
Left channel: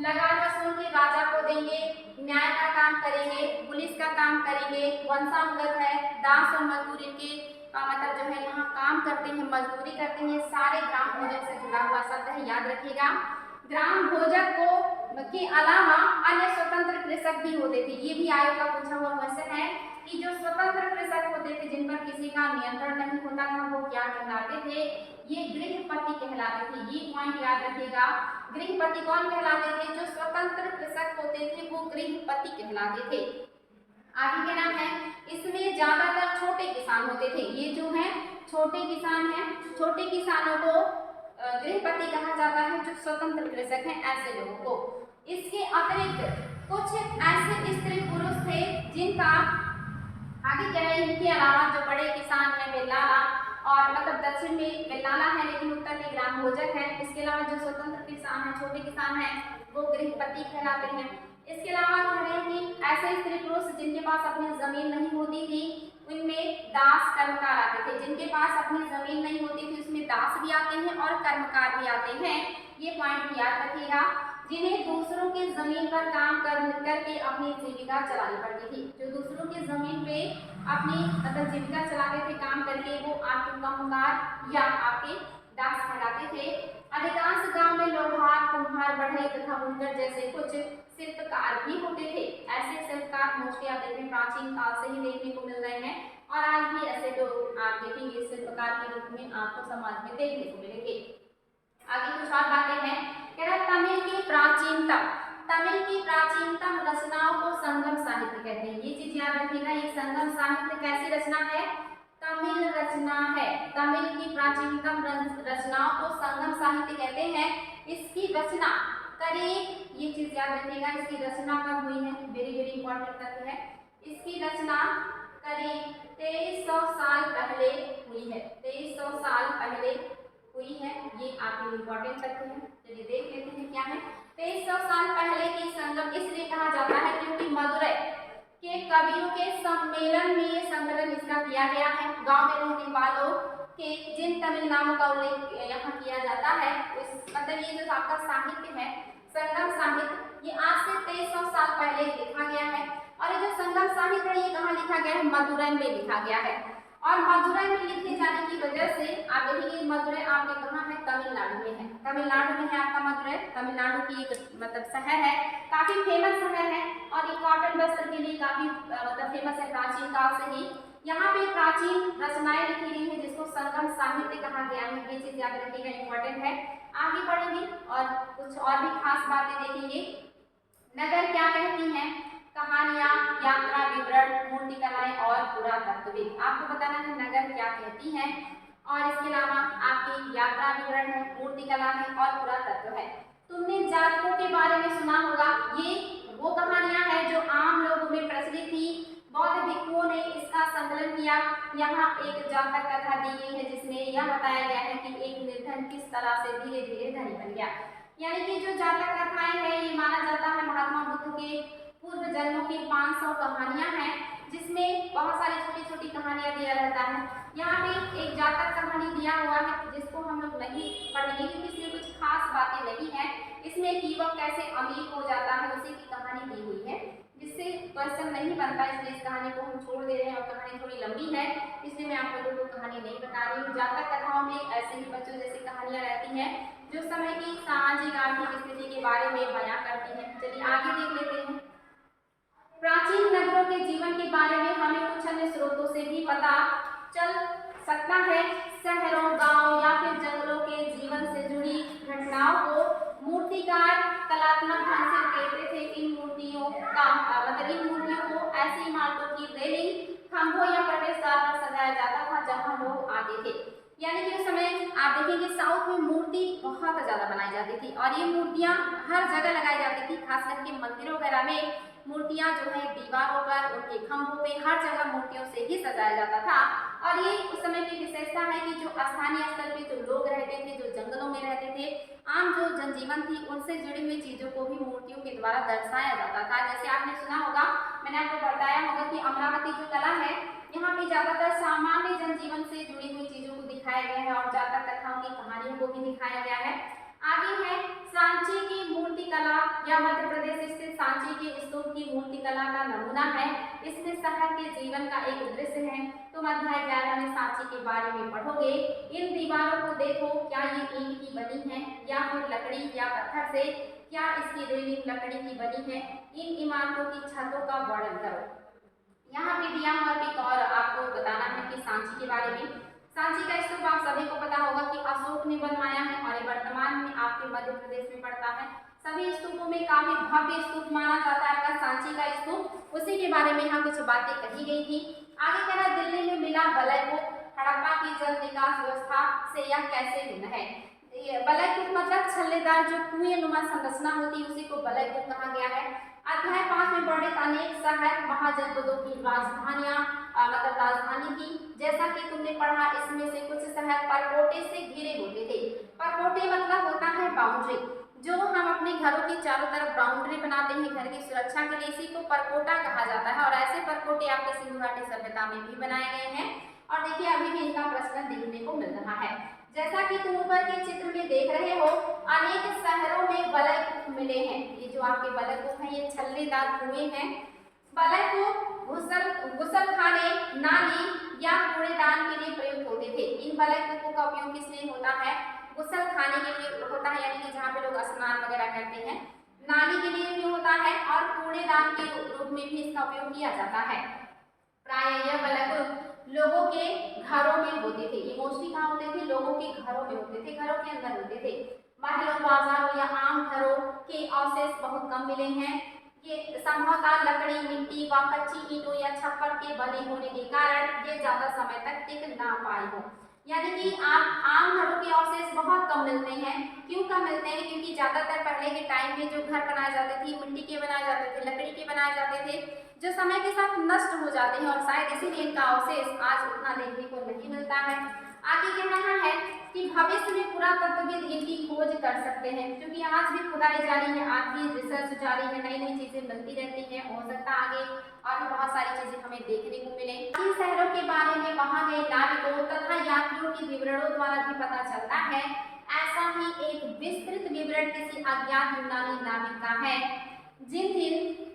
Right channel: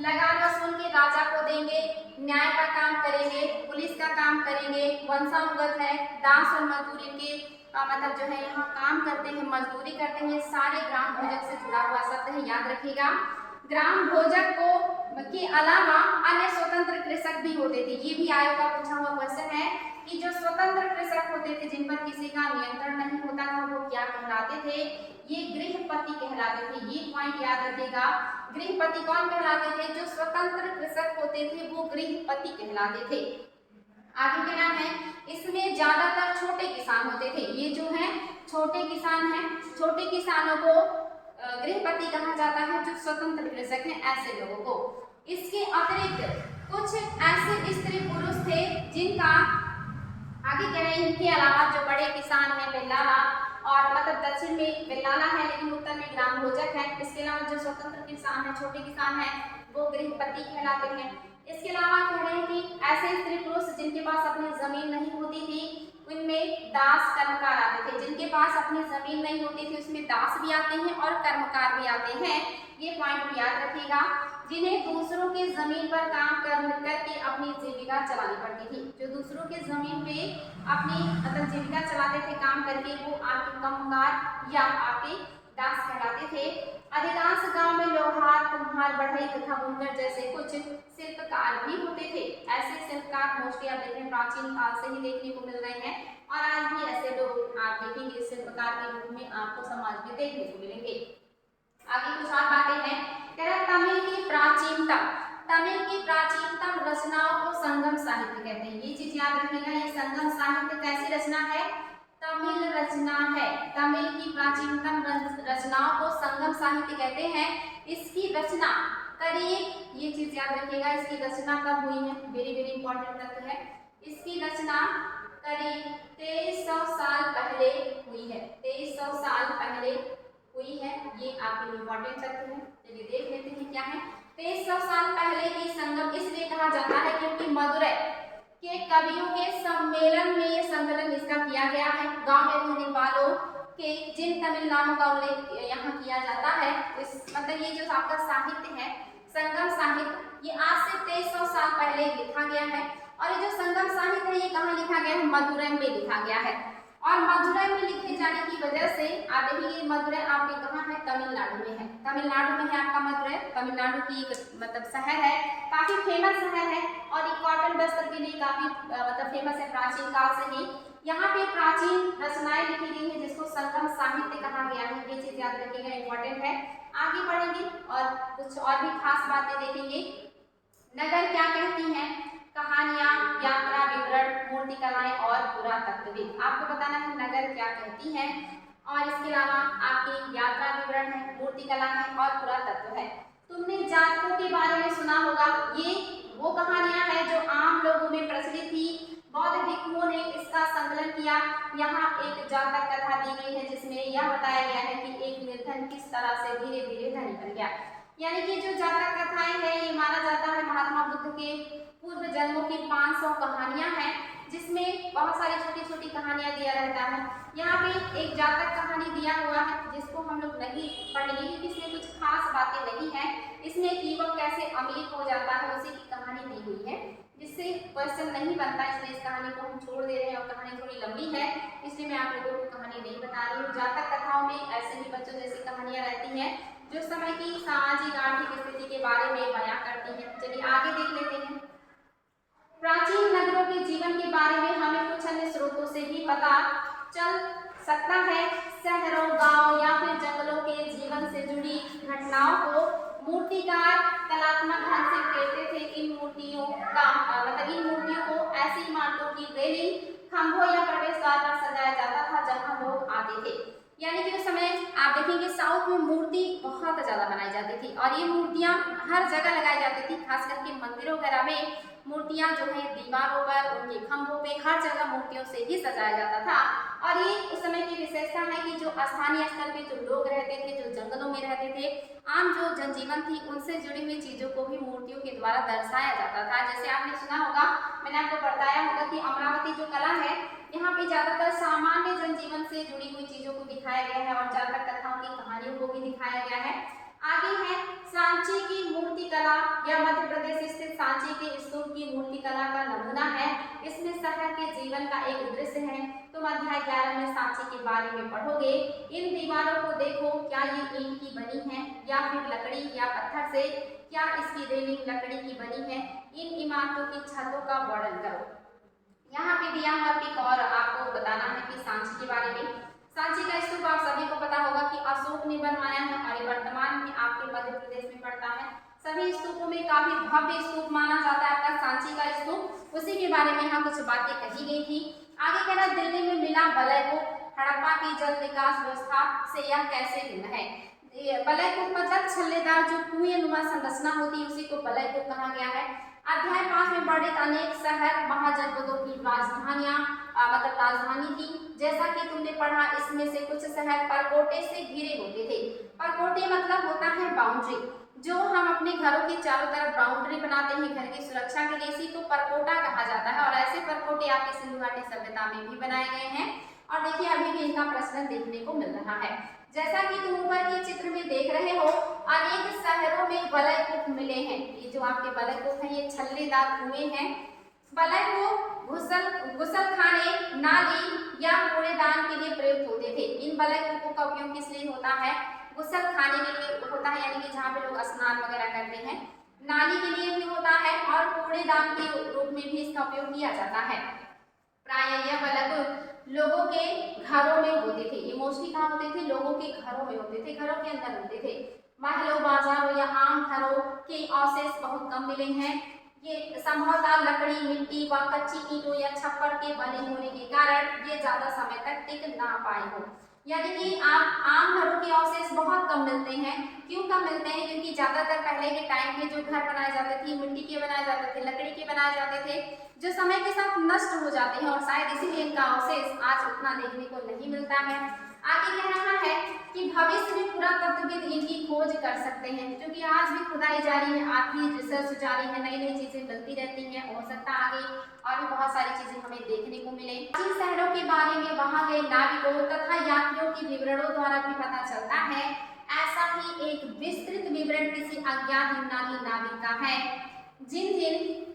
लगान वसूल के राजा को देंगे, न्याय का काम करेंगे, पुलिस का काम करेंगे, वंशानुगत है, दास और मजदूर इनके मतलब जो है यहाँ काम करते हैं, मजदूरी करते हैं। ये सारे ग्राम भोजक से जुड़ा हुआ शब्द है, याद रखिएगा। ग्राम भोजक को के अलावा अन्य स्वतंत्र कृषक भी होते थे। ये भी आयोग का पूछा हुआ क्वेश्चन है कि जो स्वतंत्र कृषक होते थे जिन पर किसी का नियंत्रण नहीं होता था वो क्या कहलाते थे, ये गृहपति कहलाते थे। ये पॉइंट याद रखिएगा। गृहपति कौन कहलाते थे, जो स्वतंत्र कृषक होते थे वो गृहपति कहलाते थे। आगे क्या नाम है, इसमें ज्यादातर छोटे किसान होते थे। ये जो है छोटे किसान हैं, छोटे किसानों को गृहपति कहा जाता है, जो स्वतंत्र कृषक हैं ऐसे लोगों को। इसके अतिरिक्त कुछ ऐसे स्त्री पुरुष थे जिनका आगे कह रहे हैं, इनके अलावा जो बड़े किसान हैं बेल्लाला और मतलब दक्षिण में बेल्लाला है लेकिन उत्तर में ग्राम भोजक है। इसके अलावा जो स्वतंत्र किसान हैं, छोटे किसान हैं, वो गृहपति कहलाते हैं। इसके अलावा कह रहे हैं कि ऐसे स्त्री पुरुष जिनके पास अपनी जमीन नहीं होती थी उनमें दास कर्मकार आते थे। जिनके पास अपनी जमीन नहीं होती थी उसमें दास भी आते हैं और कर्मकार भी आते हैं। ये पॉइंट भी याद रखिएगा। जिन्हें दूसरों की जमीन पर काम करके अपनी जीविका चलानी पड़ती थी। जो दूसरों की जमीन पे अपनी मतलब जीविका चलाते थे काम करके, वो आपके कर्मकार या आपके दास कहलाते थे। अधिकांश गांव में लोहार, कुम्हार, बढ़ई तथा बुनकर जैसे कुछ शिल्पकार भी होते थे। ऐसे शिल्पकार मोस्टली आप देखें प्राचीन काल से ही देखने को मिल रहे हैं और आज भी ऐसे लोग आप देखेंगे शिल्पकार के रूप में आपको समाज में देखने को मिलेंगे। आगे कुछ और बातें हैं। कह रहा है तमिल की प्राचीनतम रचनाओं को संगम साहित्य कहते हैं। ये चीज याद रखिएगा। ये संगम साहित्य कैसी रचना है, तमिल रचना है। तमिल की प्राचीनतम रचनाओं को संगम साहित्य कहते हैं। इसकी रचना करीब, ये चीज याद रखिएगा, इसकी रचना कब हुई है, वेरी वेरी इंपॉर्टेंट तथ्य है। इसकी रचना करीब 2300 साल पहले हुई है। 2300 साल पहले हुई है। ये आपके इंपॉर्टेंट तथ्य है। चलिए देख लेते हैं क्या है। 2300 साल पहले की संगम इसलिए कहा जाता है क्योंकि मदुरै के कवियों के सम्मेलन में ये संकलन इसका किया गया है। गांव में रहने वालों के जिन तमिल नामों का उल्लेख यहाँ किया जाता है, इस मतलब ये जो आपका साहित्य है संगम साहित्य, ये आज से 2300 साल पहले लिखा गया है। और ये जो संगम साहित्य है ये कहाँ लिखा गया है, मदुरै में लिखा गया है। और मदुरै में लिखे जाने की वजह से आप देखिए मदुरै आपके कहाँ है, तमिलनाडु में है। तमिलनाडु में है आपका मदुरै, तमिलनाडु की एक मतलब शहर है, काफी फेमस शहर है और ये कॉटन वस्त्र के लिए काफी मतलब फेमस है प्राचीन काल से ही। यहाँ पे प्राचीन रचनाएं लिखी गई है जिसको संगम साहित्य कहा गया है। ये चीज याद रखिएगा, इंपॉर्टेंट है। आगे बढ़ेंगे और कुछ और भी खास बातें देखेंगे। नगर क्या कहती हैं, कहानियां, यात्रा विवरण, मूर्तिकलाएं और पुरातत्वविद। आपको बताना है नगर क्या कहती है और इसके अलावा आपकी यात्रा विवरण है, मूर्तिकला है और पुरातत्व है। तुमने जातकों के बारे में सुना होगा। ये वो कहानियां हैं जो आम लोगों में प्रचलित थी। बौद्ध भिक्षुओं ने इसका संकलन किया। यहाँ एक जातक कथा दी गई है जिसमें यह बताया गया है कि एक निर्धन किस तरह से धीरे धीरे धनी बन गया। यानी कि जो जातक कथाएं हैं ये माना जाता है महात्मा बुद्ध के पूर्व जन्मों की 500 कहानियां हैं जिसमें बहुत सारी छोटी छोटी कहानियां दिया रहता है। यहाँ पे एक जातक कहानी दिया हुआ है जिसको हम लोग नहीं पढ़ेंगे क्योंकि इसमें कुछ खास बातें नहीं है। इसमें एक युवक कैसे अमीर हो जाता है उसी की कहानी दी हुई है, जिससे क्वेश्चन नहीं बनता, इसलिए इस कहानी को हम छोड़ दे रहे हैं और कहानी थोड़ी लंबी है इसलिए मैं आप लोगों को कहानी नहीं बता रही हूँ। जातक कथाओं में ऐसे ही बच्चों जैसी कहानियां रहती हैं जो समय की सामाजिक आर्थिक स्थिति के बारे में बयां करती हैं। चलिए आगे देख लेते हैं। प्राचीन नगरों के जीवन के बारे में हमें कुछ अन्य स्रोतों से भी पता चल सकता है। शहरों, गांव या फिर जंगलों के जीवन से जुड़ी घटनाओं को मूर्तिकार कलात्मक ढंग से कहते थे। इन मूर्तियों का इन मूर्तियों को ऐसी इमारतों की रेलिंग, खंभों या प्रवेश द्वार पर सजाया जाता था जहां लोग आते थे। यानी कि उस समय आप देखेंगे साउथ में मूर्ति बहुत ज्यादा बनाई जाती थी और ये मूर्तियां हर जगह लगाई जाती थी। खास करके मंदिरों वगैरह में मूर्तियां जो है दीवारों पर, उनके खंभों पे, हर जगह मूर्तियों से ही सजाया जाता था। और ये उस समय की विशेषता है कि जो स्थानीय स्तर पे जो लोग रहते थे, जो जंगलों में रहते थे, आम जो जनजीवन थी, उनसे जुड़ी हुई चीजों को भी मूर्तियों के द्वारा दर्शाया जाता था। जैसे आपने सुना होगा, मैंने आपको बताया होगा कि अमरावती जो कला है, यहाँ पे ज्यादातर सामान्य जनजीवन से जुड़ी हुई चीजों को दिखाया गया है और ज्यादातर कथाओं की कहानियों को भी दिखाया गया है। आगे है सांची की मूर्ति कला। यह मध्य प्रदेश स्थित सांची के स्तूप की मूर्ति कला का नमूना है। इसमें शहर के जीवन का एक दृश्य है। तुम अध्याय 11 में सांची के बारे में पढ़ोगे। इन दीवारों को देखो, क्या ये ईंट की बनी है या फिर लकड़ी या पत्थर से? क्या इसकी रेलिंग लकड़ी की बनी है? इन इमारतों की छतों का वर्णन करो। यहाँ पे दिया हुआ पिक और आपको बताना है कि सांची के बारे में। सांची का स्तूप आप सभी को पता होगा कि अशोक ने बनवाया है और वर्तमान में आपके मध्य प्रदेश में पड़ता है। सभी स्तूपों में काफी भव्य स्तूप माना जाता है आपका सांची का स्तूप। उसी के बारे में यहाँ कुछ बातें कही गई थी। आगे कह रहा दिल्ली में मिला बलयकूप। हड़प्पा की जल निकास व्यवस्था से यह कैसे भिन्न है? बलयकूप मतलब छल्लेदार जो कुएं नुमा संरचना होती है, उसी को बलयकूप कहा गया है। अध्याय 5 में वर्णित अनेक शहर महाजनपदों की राजधानियां राजधानी थी। जैसा कि तुमने पढ़ा, इसमें से कुछ शहर परकोटे से घिरे होते थे। परकोटे मतलब होता है बाउंड्री, जो हम अपने घरों के चारों तरफ बाउंड्री बनाते हैं घर की सुरक्षा के लिए, इसी को परकोटा कहा जाता है। और ऐसे परकोटे आपके सिंधु घाटी सभ्यता में भी बनाए गए हैं और देखिए अभी भी इनका प्रचलन देखने को मिल रहा है। जैसा कि तुम ऊपर के चित्र में देख रहे हो, अनेक शहरों में बलयकूप मिले हैं। ये जो आपके बलयकूप हैं, ये छल्लेदार कुएं हैं। बलयकूप गुसलखाने, नाली या कूड़ेदान के लिए प्रयुक्त होते थे। इन बलयकूपों का उपयोग किस लिए होता है? गुसलखाने के लिए होता है, यानी कि जहाँ पे लोग स्नान वगैरह करते हैं। नाली के लिए भी होता है और कूड़ेदान के रूप में भी इसका उपयोग किया जाता है। प्राय यह बलयकूप लोगों के घरों में होते थे। ये मोस्टली कहाँ होते थे? लोगों के घरों में होते थे, घरों के अंदर होते थे। महलों, बाजारों या आम घरों के अवशेष बहुत कम मिले हैं। ये संभवतः लकड़ी, मिट्टी व कच्ची ईंटों या छप्पर के बने होने के कारण ये ज्यादा समय तक टिक ना पाए हो। यानी कि आम घरों के अवशेष बहुत कम मिलते हैं। क्यों कम मिलते हैं? क्योंकि ज्यादातर पहले के टाइम में जो घर बनाए जाते थे, मिट्टी के बनाए जाते थे, लकड़ी के बनाए जाते थे, जो समय के साथ नष्ट हो जाते हैं और शायद इसीलिए इनका अवशेष आज उतना देखने को नहीं मिलता है। आगे कह रहा है कि भविष्य में पुरातत्वविद इनकी खोज कर सकते हैं, क्योंकि आज भी खुदाई जारी है, आज भी रिसर्च जारी है, नई नई चीजें मिलती रहती हैं। हो सकता है आगे और भी बहुत सारी चीजें हमें देखने को मिले। इन शहरों के बारे में वहां गए नाविकों तथा यात्रियों के विवरणों द्वारा भी पता चलता है। ऐसा ही एक विस्तृत विवरण किसी अज्ञात यूनानी नाविक का है। जिन जिन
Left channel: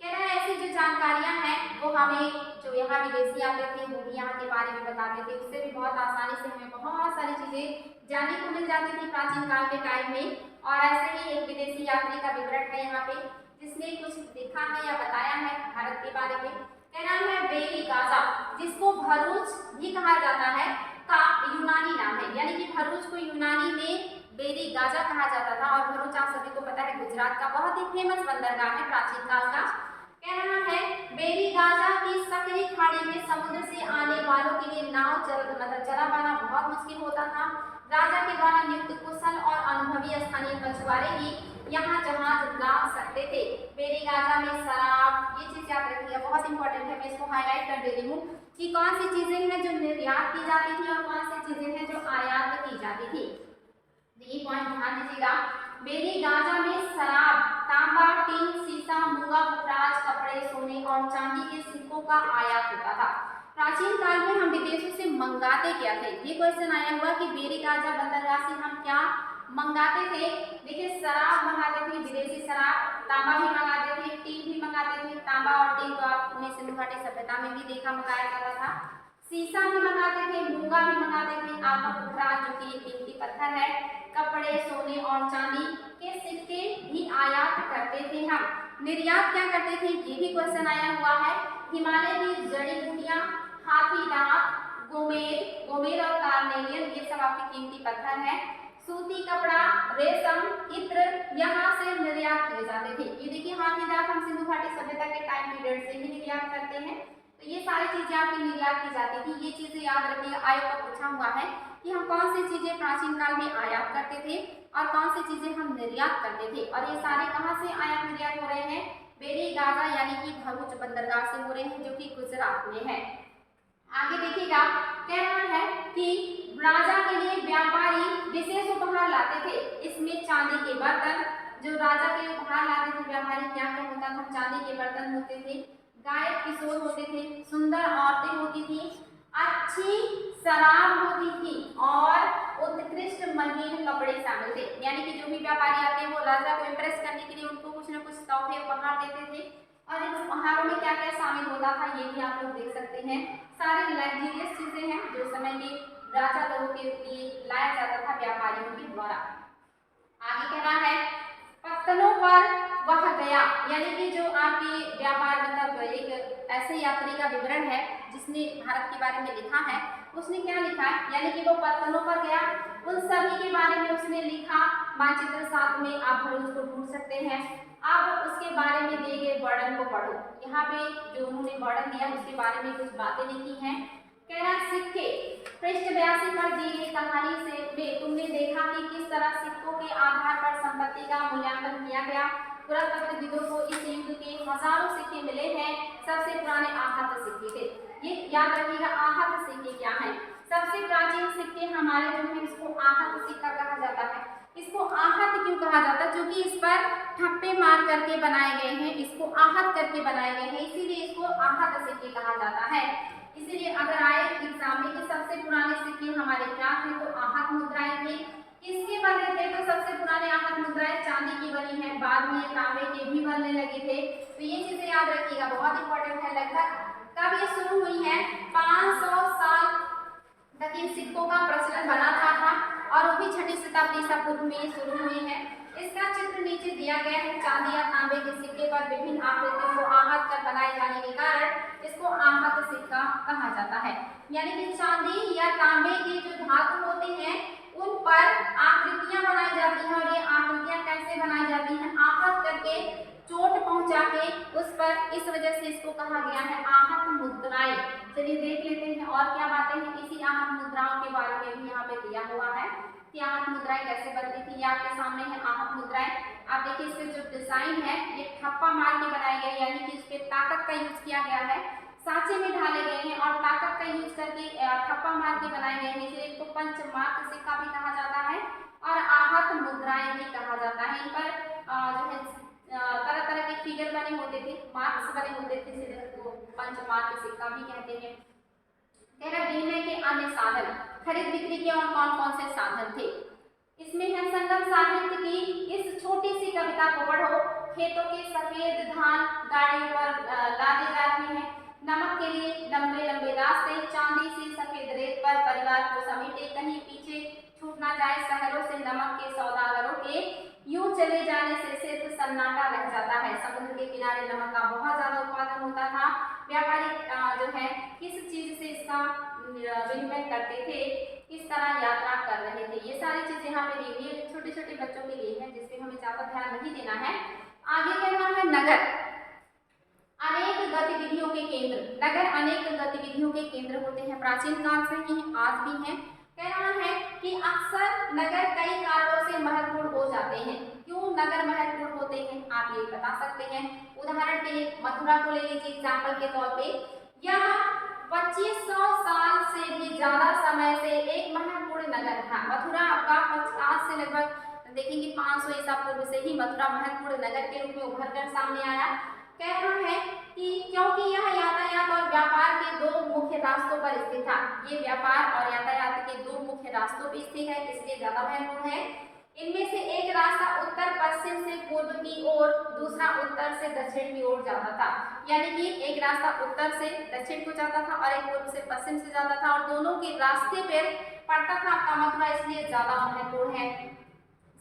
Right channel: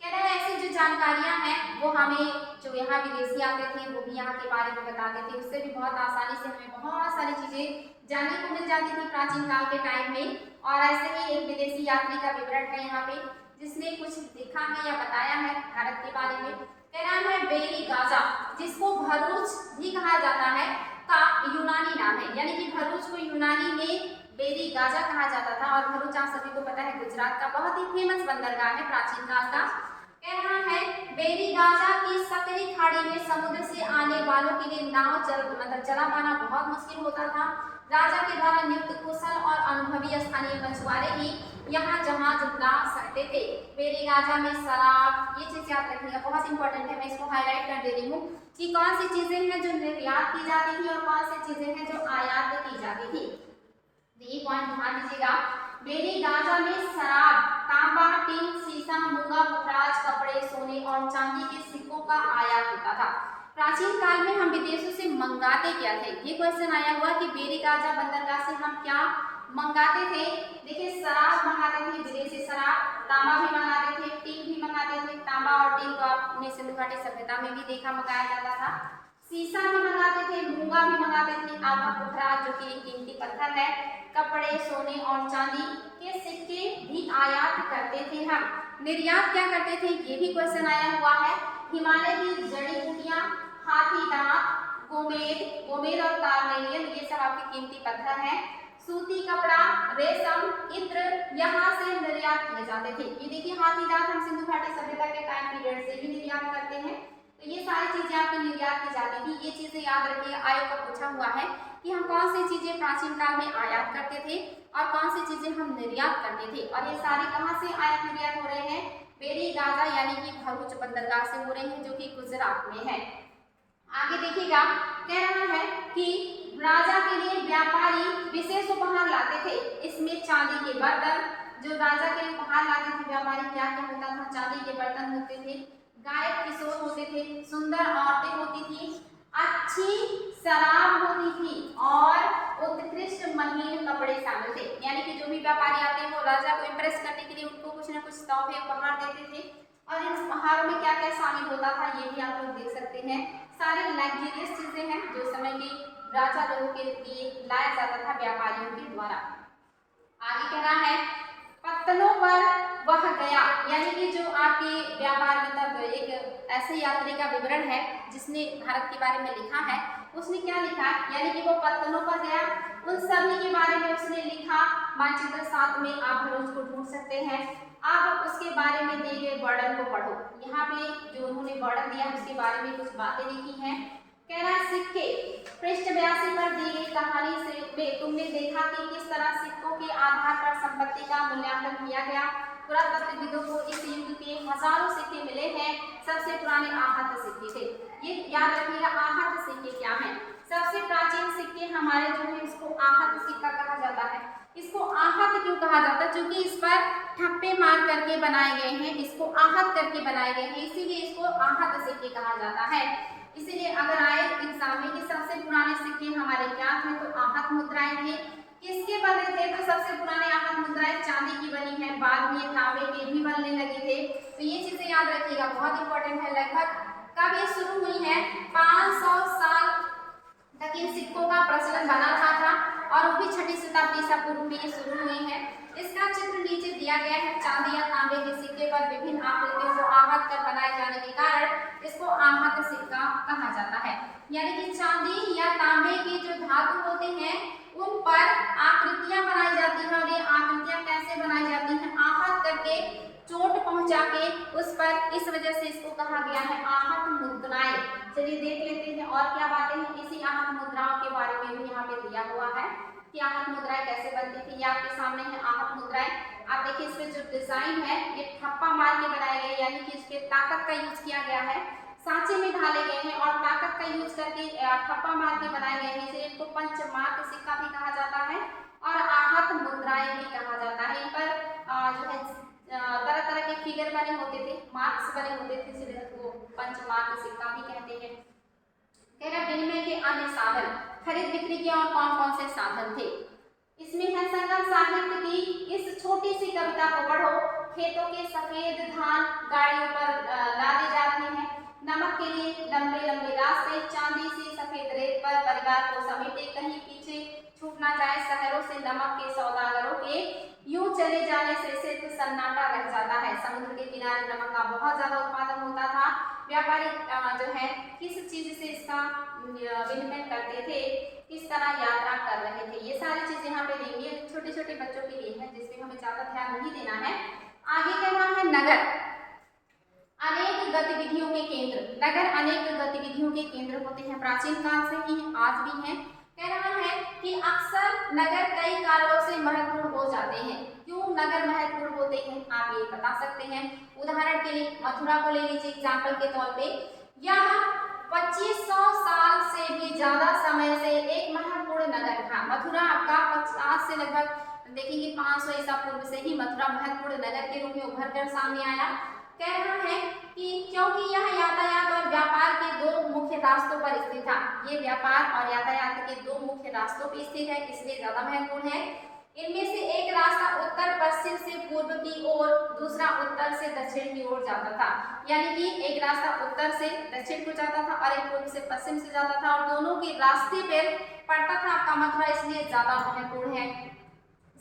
कह रहे हैं ऐसी जो जानकारियां हैं वो हमें, जो यहाँ विदेशी आते थे वो भी यहाँ के बारे में बताते थे। उससे भी बहुत आसानी से हमें बहुत सारी चीजें जानने को मिल जाती थी प्राचीन काल के टाइम में। और ऐसे ही एक विदेशी यात्री का विवरण है यहाँ पे, जिसने कुछ देखा है या बताया है भारत के बारे में। कह रहा है बेरी गाजा, जिसको भरूच भी कहा जाता है, का यूनानी नाम है। यानी कि भरूच को यूनानी में बेरी गाजा कहा जाता था। और भरूच आप सभी को पता है गुजरात का बहुत ही फेमस बंदरगाह है प्राचीन काल का। कह रहा है बेरी गाजा की सकरी खाड़ी में समुद्र से आने वालों के लिए नाव चला पाना बहुत मुश्किल होता था। राजा के द्वारा नियुक्त कुशल और अनुभवी स्थानीय मछुआरे ही यहाँ जहाज ला सकते थे। बेरी गाजा में शराब, ये चीज याद रखिएगा, बहुत इंपॉर्टेंट है। मैं इसको हाईलाइट कर दे रही हूँ कि कौन सी चीजें हैं जो निर्यात की जाती थी और कौन सी चीजें हैं जो आयात की जाती थी। ये पॉइंट ध्यान दीजिएगा। बेरी गाजा में शराब, तांबा, टिन, शीशा, मूंगा, पुखराज, कपड़े, सोने और चांदी के सिक्कों का आयात होता था। प्राचीन काल में हम विदेशों से मंगाते क्या थे? ये क्वेश्चन आया हुआ कि बेरी गाजा बंदरगाह से हम क्या मंगाते थे। देखिए शराब मंगाते थे, विदेशी शराब, तांबा भी मंगाते थे, टीन भी मंगाते थे। तांबा और टीन तो आपने सिंधु घाटी सभ्यता में भी देखा मंगाया जाता था। शीशा भी मंगाते थे, मूंगा भी मंगाते थे, आपका पुखराज जो कि कीमती पत्थर है, कपड़े, सोने और चांदी के सिक्के भी आयात करते थे हम। निर्यात क्या करते थे, ये भी क्वेश्चन आया हुआ है। हिमालय की जड़ी बूटियां, हाथी दांत, गोमेद और कार्नेलियन, ये सब आपके कीमती पत्थर हैं। सूती कपड़ा, रेशम, इत्र यहाँ से निर्यात किए जाते थे। ये देखिए हाथी दांत हम सिंधु घाटी सभ्यता के टाइम पीरियड से ही निर्यात करते हैं, तो ये सारी चीजें आपकी निर्यात की जाती थी। ये चीजें याद रखिए, आयोग का पूछा हुआ है कि हम कौन सी चीजें प्राचीन काल में आयात करते थे और कौन सी चीजें हम निर्यात करते थे, और ये सारे कहाँ से आयात निर्यात हो रहे हैं, बेरी गाजा यानी कि भरूच बंदरगाह से हो रहे हैं, जो कि गुजरात में है। आगे देखिएगा, कह रहा है कि राजा के लिए व्यापारी विशेष उपहार लाते थे। इसमें चांदी के बर्तन, जो राजा के लिए उपहार लाते थे व्यापारी, क्या क्या होता था, चांदी के बर्तन होते थे, गायक किशोर होते थे, सुंदर औरतें होती थी, अच्छी शराब होती थी और उत्कृष्ट महीन कपड़े शामिल थे। यानी कि जो भी व्यापारी आते हैं वो राजा को इम्प्रेस करने के लिए उनको कुछ ना कुछ तोहफे उपहार देते थे, और इन उपहारों में क्या क्या शामिल होता था ये भी आप लोग देख सकते हैं। सारे लग्जरियस चीजें हैं जो समय में राजा लोगों के लिए लाया जाता था व्यापारियों के द्वारा। आगे कह रहा है, पत्तनों पर वह गया, यानी कि जो आपकी व्यापार मतलब एक ऐसे यात्री का विवरण है जिसने भारत के बारे में लिखा है, उसने क्या लिखा है, यानी कि वो पत्तनों पर गया, उन सभी के बारे में उसने लिखा। मानचित्र 7 में आप भरूच को ढूंढ सकते हैं। अब उसके बारे में दिए गए वर्णन को पढ़ो। यहाँ पे जो उन्होंने वर्णन दिया उसके बारे में कुछ बातें लिखी हैं। कह रहा है, सिक्के, पृष्ठ 82 पर दी गई कहानी से तुमने देखा कि किस तरह सिक्कों के आधार पर संपत्ति का मूल्यांकन किया गया। पुरातत्वविदों को इस युग के हजारों सिक्के मिले हैं। सबसे पुराने आहत सिक्के थे। ये याद रखिएगा, आहत सिक्के क्या हैं। सबसे प्राचीन सिक्के हमारे जो है इसको आहत सिक्का कहा जाता है। इसको आहत क्यों कहा जाता है, क्योंकि इस पर ठप्पे मार करके बनाए गए हैं, इसको आहत करके बनाए गए हैं, इसीलिए इसको आहत सिक्के कहा जाता है। इसीलिए अगर आए एग्जाम में कि सबसे पुराने सिक्के हमारे क्या थे, तो आहत मुद्राएं थे। किसके बने थे, तो सबसे पुराने आहत मुद्राएं चांदी की बनी है, बाद में ये तांबे के भी बनने लगे थे। तो ये चीजें याद रखिएगा, बहुत इंपॉर्टेंट है। लगभग कब ये शुरू हुई है, 500 साल तक इन सिक्कों का प्रचलन बना रहा था, और वो भी 6वीं शताब्दी ईसा पूर्व में शुरू हुए हैं। इसका चित्र नीचे दिया गया है। चांदी या तांबे के सिक्के पर विभिन्न आकृतियों को आहत कर बनाए जाने के कारण इसको आहत सिक्का कहा जाता है। यानी कि चांदी या तांबे के जो धातु होते हैं उन पर आकृतियां बनाई जाती हैं, और ये आकृतियां कैसे बनाई जाती हैं, आहत करके, चोट पहुंचा के उस पर, इस वजह से इसको कहा गया है आहत मुद्राएं। चलिए देख लेते हैं और क्या बातें हैं इसी आहत मुद्राओं के बारे में भी यहाँ पे दिया हुआ है कि आहत मुद्राएं कैसे बनती थी। ये आपके सामने है आहत मुद्राएं। आप देखिए इस पे जो डिजाइन है ये ठप्पा मार के बनाए गए, यानी कि इस पे ताकत का यूज किया गया है, सांचे में ढाले गए हैं और ताकत का यूज करके ठप्पा मार के बनाए गए हैं। इसलिए इनको पंचमात्र सिक्का भी कहा जाता है और आहत मुद्राएं भी कहा जाता है। इन पर जो है तरह तरह के फिगर बने होते थे, मार्क्स बने होते थे, इसलिए इसको पंचमात्र सिक्का भी कहते हैं। कह रहा विनिमय के अन्य साधन, खरीद बिक्री के और कौन कौन से साधन थे। इसमें है संगम साहित्य की इस छोटी सी कविता को पढ़ो। खेतों के सफेद धान गाड़ियों पर लादे जाते हैं, नमक के लिए लंबे लंबे रास्ते, चांदी सी सफेद रेत पर परिवार को समेटे, कहीं पीछे छूट ना जाए शहरों से नमक के सौदागरों के, यूं चले जाने से सिर्फ सन्नाटा रह जाता है। समुद्र के किनारे नमक का बहुत ज्यादा उत्पादन होता था। व्यापारी जो है किस चीज से इसका विनिमय करते थे, किस तरह यात्रा कर रहे थे, ये सारी चीजें यहाँ पे दी हुई है। छोटे छोटे बच्चों के लिए है जिसमें हमें ज्यादा ध्यान नहीं देना है। आगे कह रहा है नगर अनेक गतिविधियों के केंद्र। नगर अनेक गतिविधियों के केंद्र होते हैं, प्राचीन काल से ही आज भी हैं। कह रहा है कि अक्सर नगर कई कारणों से महत्वपूर्ण हो जाते हैं। क्यों नगर महत्वपूर्ण होते हैं आप ये बता सकते हैं। उदाहरण के लिए मथुरा को ले लीजिए एग्जाम्पल के तौर पे, यह 2500 साल से भी ज्यादा समय से एक महत्वपूर्ण नगर था। मथुरा आपका 50 से लगभग देखेंगे 500 ईसा पूर्व से ही मथुरा महत्वपूर्ण नगर के रूप में उभर कर सामने आया। कह रहा है कि क्योंकि यह यातायात और व्यापार के दो मुख्य रास्तों पर स्थित था। ये व्यापार और यातायात के दो मुख्य रास्तों पर स्थित है, इसलिए ज्यादा महत्वपूर्ण है। इनमें से एक रास्ता उत्तर पश्चिम से पूर्व की ओर, दूसरा उत्तर से दक्षिण की ओर जाता था। यानी कि एक रास्ता उत्तर से दक्षिण को जाता था और एक पूर्व से पश्चिम से जाता था, और दोनों के रास्ते पर पड़ता था आपका मथुरा, इसलिए ज्यादा महत्वपूर्ण है।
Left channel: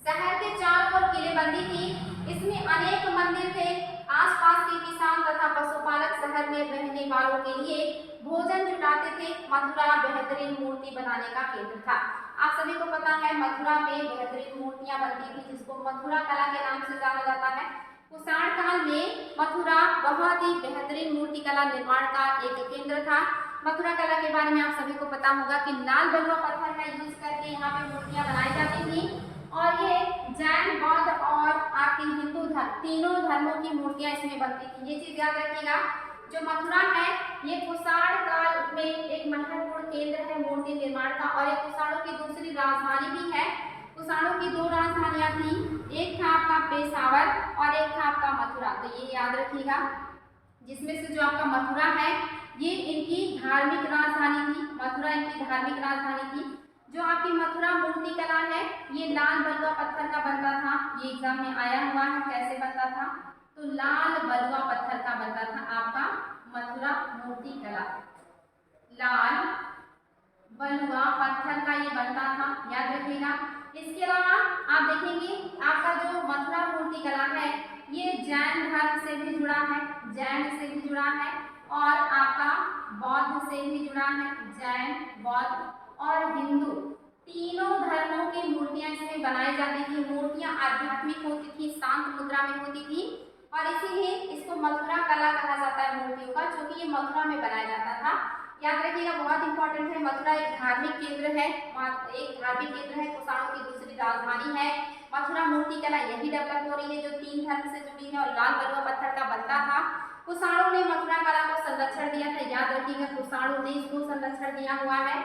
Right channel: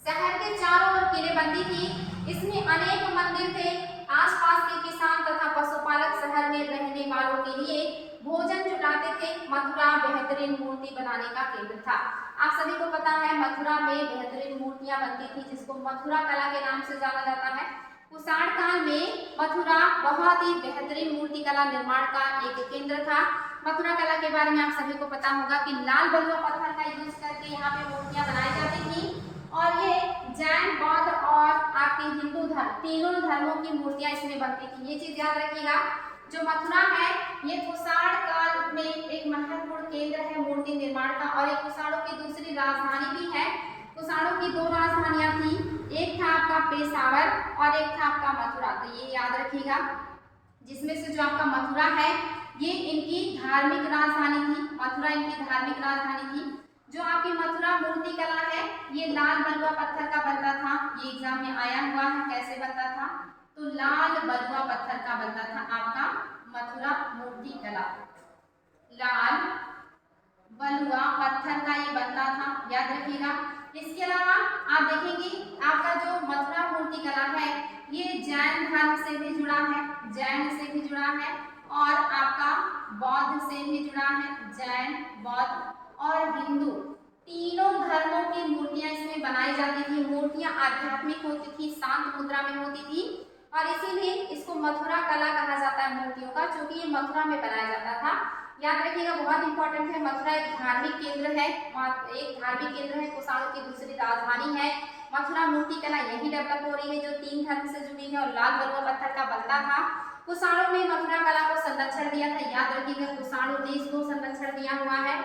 शहर के चारों ओर किलेबंदी थी। इसमें अनेक मंदिर थे। आसपास के किसान तथा पशुपालक शहर में रहने वालों के लिए भोजन जुटाते थे। मथुरा बेहतरीन मूर्ति बनाने का केंद्र था। आप सभी को पता है मथुरा में बेहतरीन मूर्तियां बनती थी, जिसको मथुरा कला के नाम से जाना जाता है। कुषाण काल में मथुरा बहुत ही बेहतरीन मूर्ति कला निर्माण का एक केंद्र था। मथुरा कला के बारे में आप सभी को पता होगा कि लाल बलुआ पत्थर का यूज करके यहाँ पे मूर्तियां बनाई जाती थी और ये जैन, बौद्ध और आपके हिंदू धर्म, तीनों धर्मों की मूर्तियां इसमें बनती थी। ये चीज याद रखिएगा। जो मथुरा है ये कुषाण काल में एक महत्वपूर्ण केंद्र है मूर्ति निर्माण का, और एक कुषाणों की दूसरी राजधानी भी है। कुषाणों की दो राजधानियां थी, एक था आपका पेशावर और एक था आपका मथुरा। तो ये याद रखिएगा। जिसमें से जो आपका मथुरा है ये इनकी धार्मिक राजधानी थी। मथुरा इनकी धार्मिक राजधानी थी। जो आपकी मथुरा मूर्ति कला है ये लाल बलुआ पत्थर का बनता था। ये एग्जाम में आया हुआ है, कैसे बनता था? तो लाल बलुआ पत्थर का बनता था आपका मथुरा मूर्ति कला। लाल बलुआ पत्थर का ये बनता था, याद रखिएगा। इसके अलावा आप देखेंगे आपका जो मथुरा मूर्ति कला है ये जैन धर्म से भी जुड़ा है, जैन से भी जुड़ा है और आपका बौद्ध से भी जुड़ा है। जैन, बौद्ध और हिंदू तीनों धर्मों की मूर्तियां इसमें बनाई जाती थी। मूर्तियां आध्यात्मिक होती थी, शांत मुद्रा में होती थी और इसीलिए इसको मथुरा कला कहा जाता है मूर्तियों का, क्योंकि ये मथुरा में बनाया जाता था। याद रखिएगा, बहुत इंपॉर्टेंट है। मथुरा एक धार्मिक केंद्र है, एक धार्मिक केंद्र है, कुषाणों की दूसरी राजधानी है। मथुरा मूर्ति कला यही डेवलप हो रही है जो तीन धर्म से जुड़ी है और लाल बलुआ पत्थर का बनता था। कुषाणों ने मथुरा कला को संरक्षण दिया था, याद रखिएगा कुषाणों ने इसको संरक्षण दिया हुआ है।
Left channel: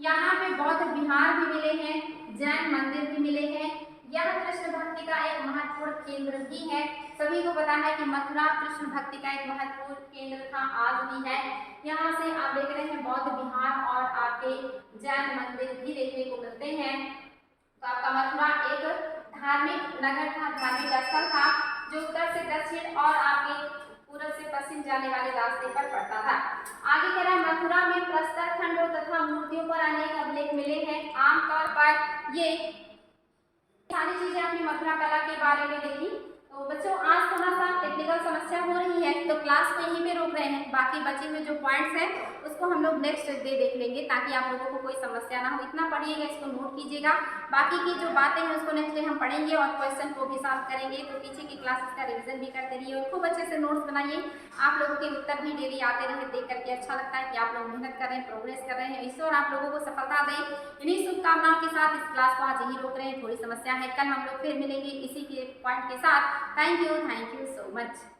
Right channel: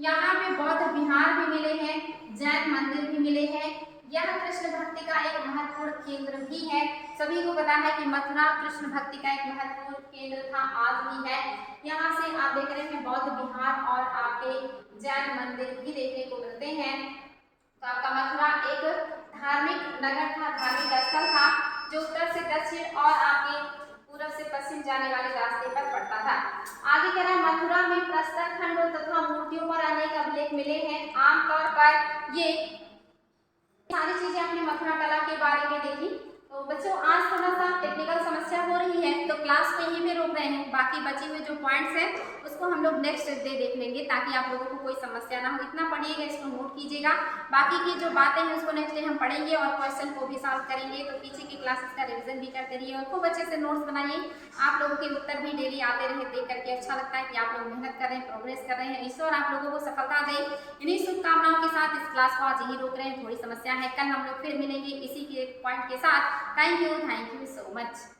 यहाँ पे बौद्ध विहार भी मिले हैं, जैन मंदिर भी मिले हैं। यह कृष्ण भक्ति का एक महत्वपूर्ण केंद्र भी है। सभी को पता है कि मथुरा कृष्ण भक्ति का एक महत्वपूर्ण केंद्र था, आज भी है। यहाँ से आप देख रहे हैं बौद्ध विहार और आपके जैन मंदिर भी देखने को मिलते हैं। तो आपका मथुरा एक धार्मिक नगर था, धार्मिक स्थल था जो उत्तर से दक्षिण और आपके पूर्व से पश्चिम जाने वाले रास्ते पर पड़ता था। आगे करा, मथुरा में प्रस्तर खंडों तथा मूर्तियों पर अनेक अभिलेख मिले हैं। आमतौर पर ये सारी चीजें अपनी मथुरा कला के बारे में देखी। तो बच्चों आज थोड़ा सा टेक्निकल समस्या हो रही है तो क्लास को यहीं पे रोक रहे हैं। बाकी बचे हुए जो पॉइंट्स हैं उसको हम लोग नेक्स्ट डे देख लेंगे ताकि आप लोगों को कोई समस्या ना हो। इतना पढ़िएगा, इसको नोट कीजिएगा। बाकी की जो बातें हैं उसको नेक्स्ट डे हम पढ़ेंगे और क्वेश्चन को भी सॉल्व करेंगे। तो पीछे की क्लासेस का रिविजन भी करते रहिए और खूब अच्छे से नोट्स बनाइए। आप लोगों के उत्तर भी डेली आते रहे, देख करके अच्छा लगता है कि आप लोग मेहनत कर रहे हैं, प्रोग्रेस कर रहे हैं। ईश्वर आप लोगों को सफलता दे। इन्हीं शुभकामनाओं के साथ इस क्लास को आज यही रोक रहे हैं। थोड़ी समस्या है, कल हम लोग फिर मिलेंगे इसी के पॉइंट के साथ। Thank you so much.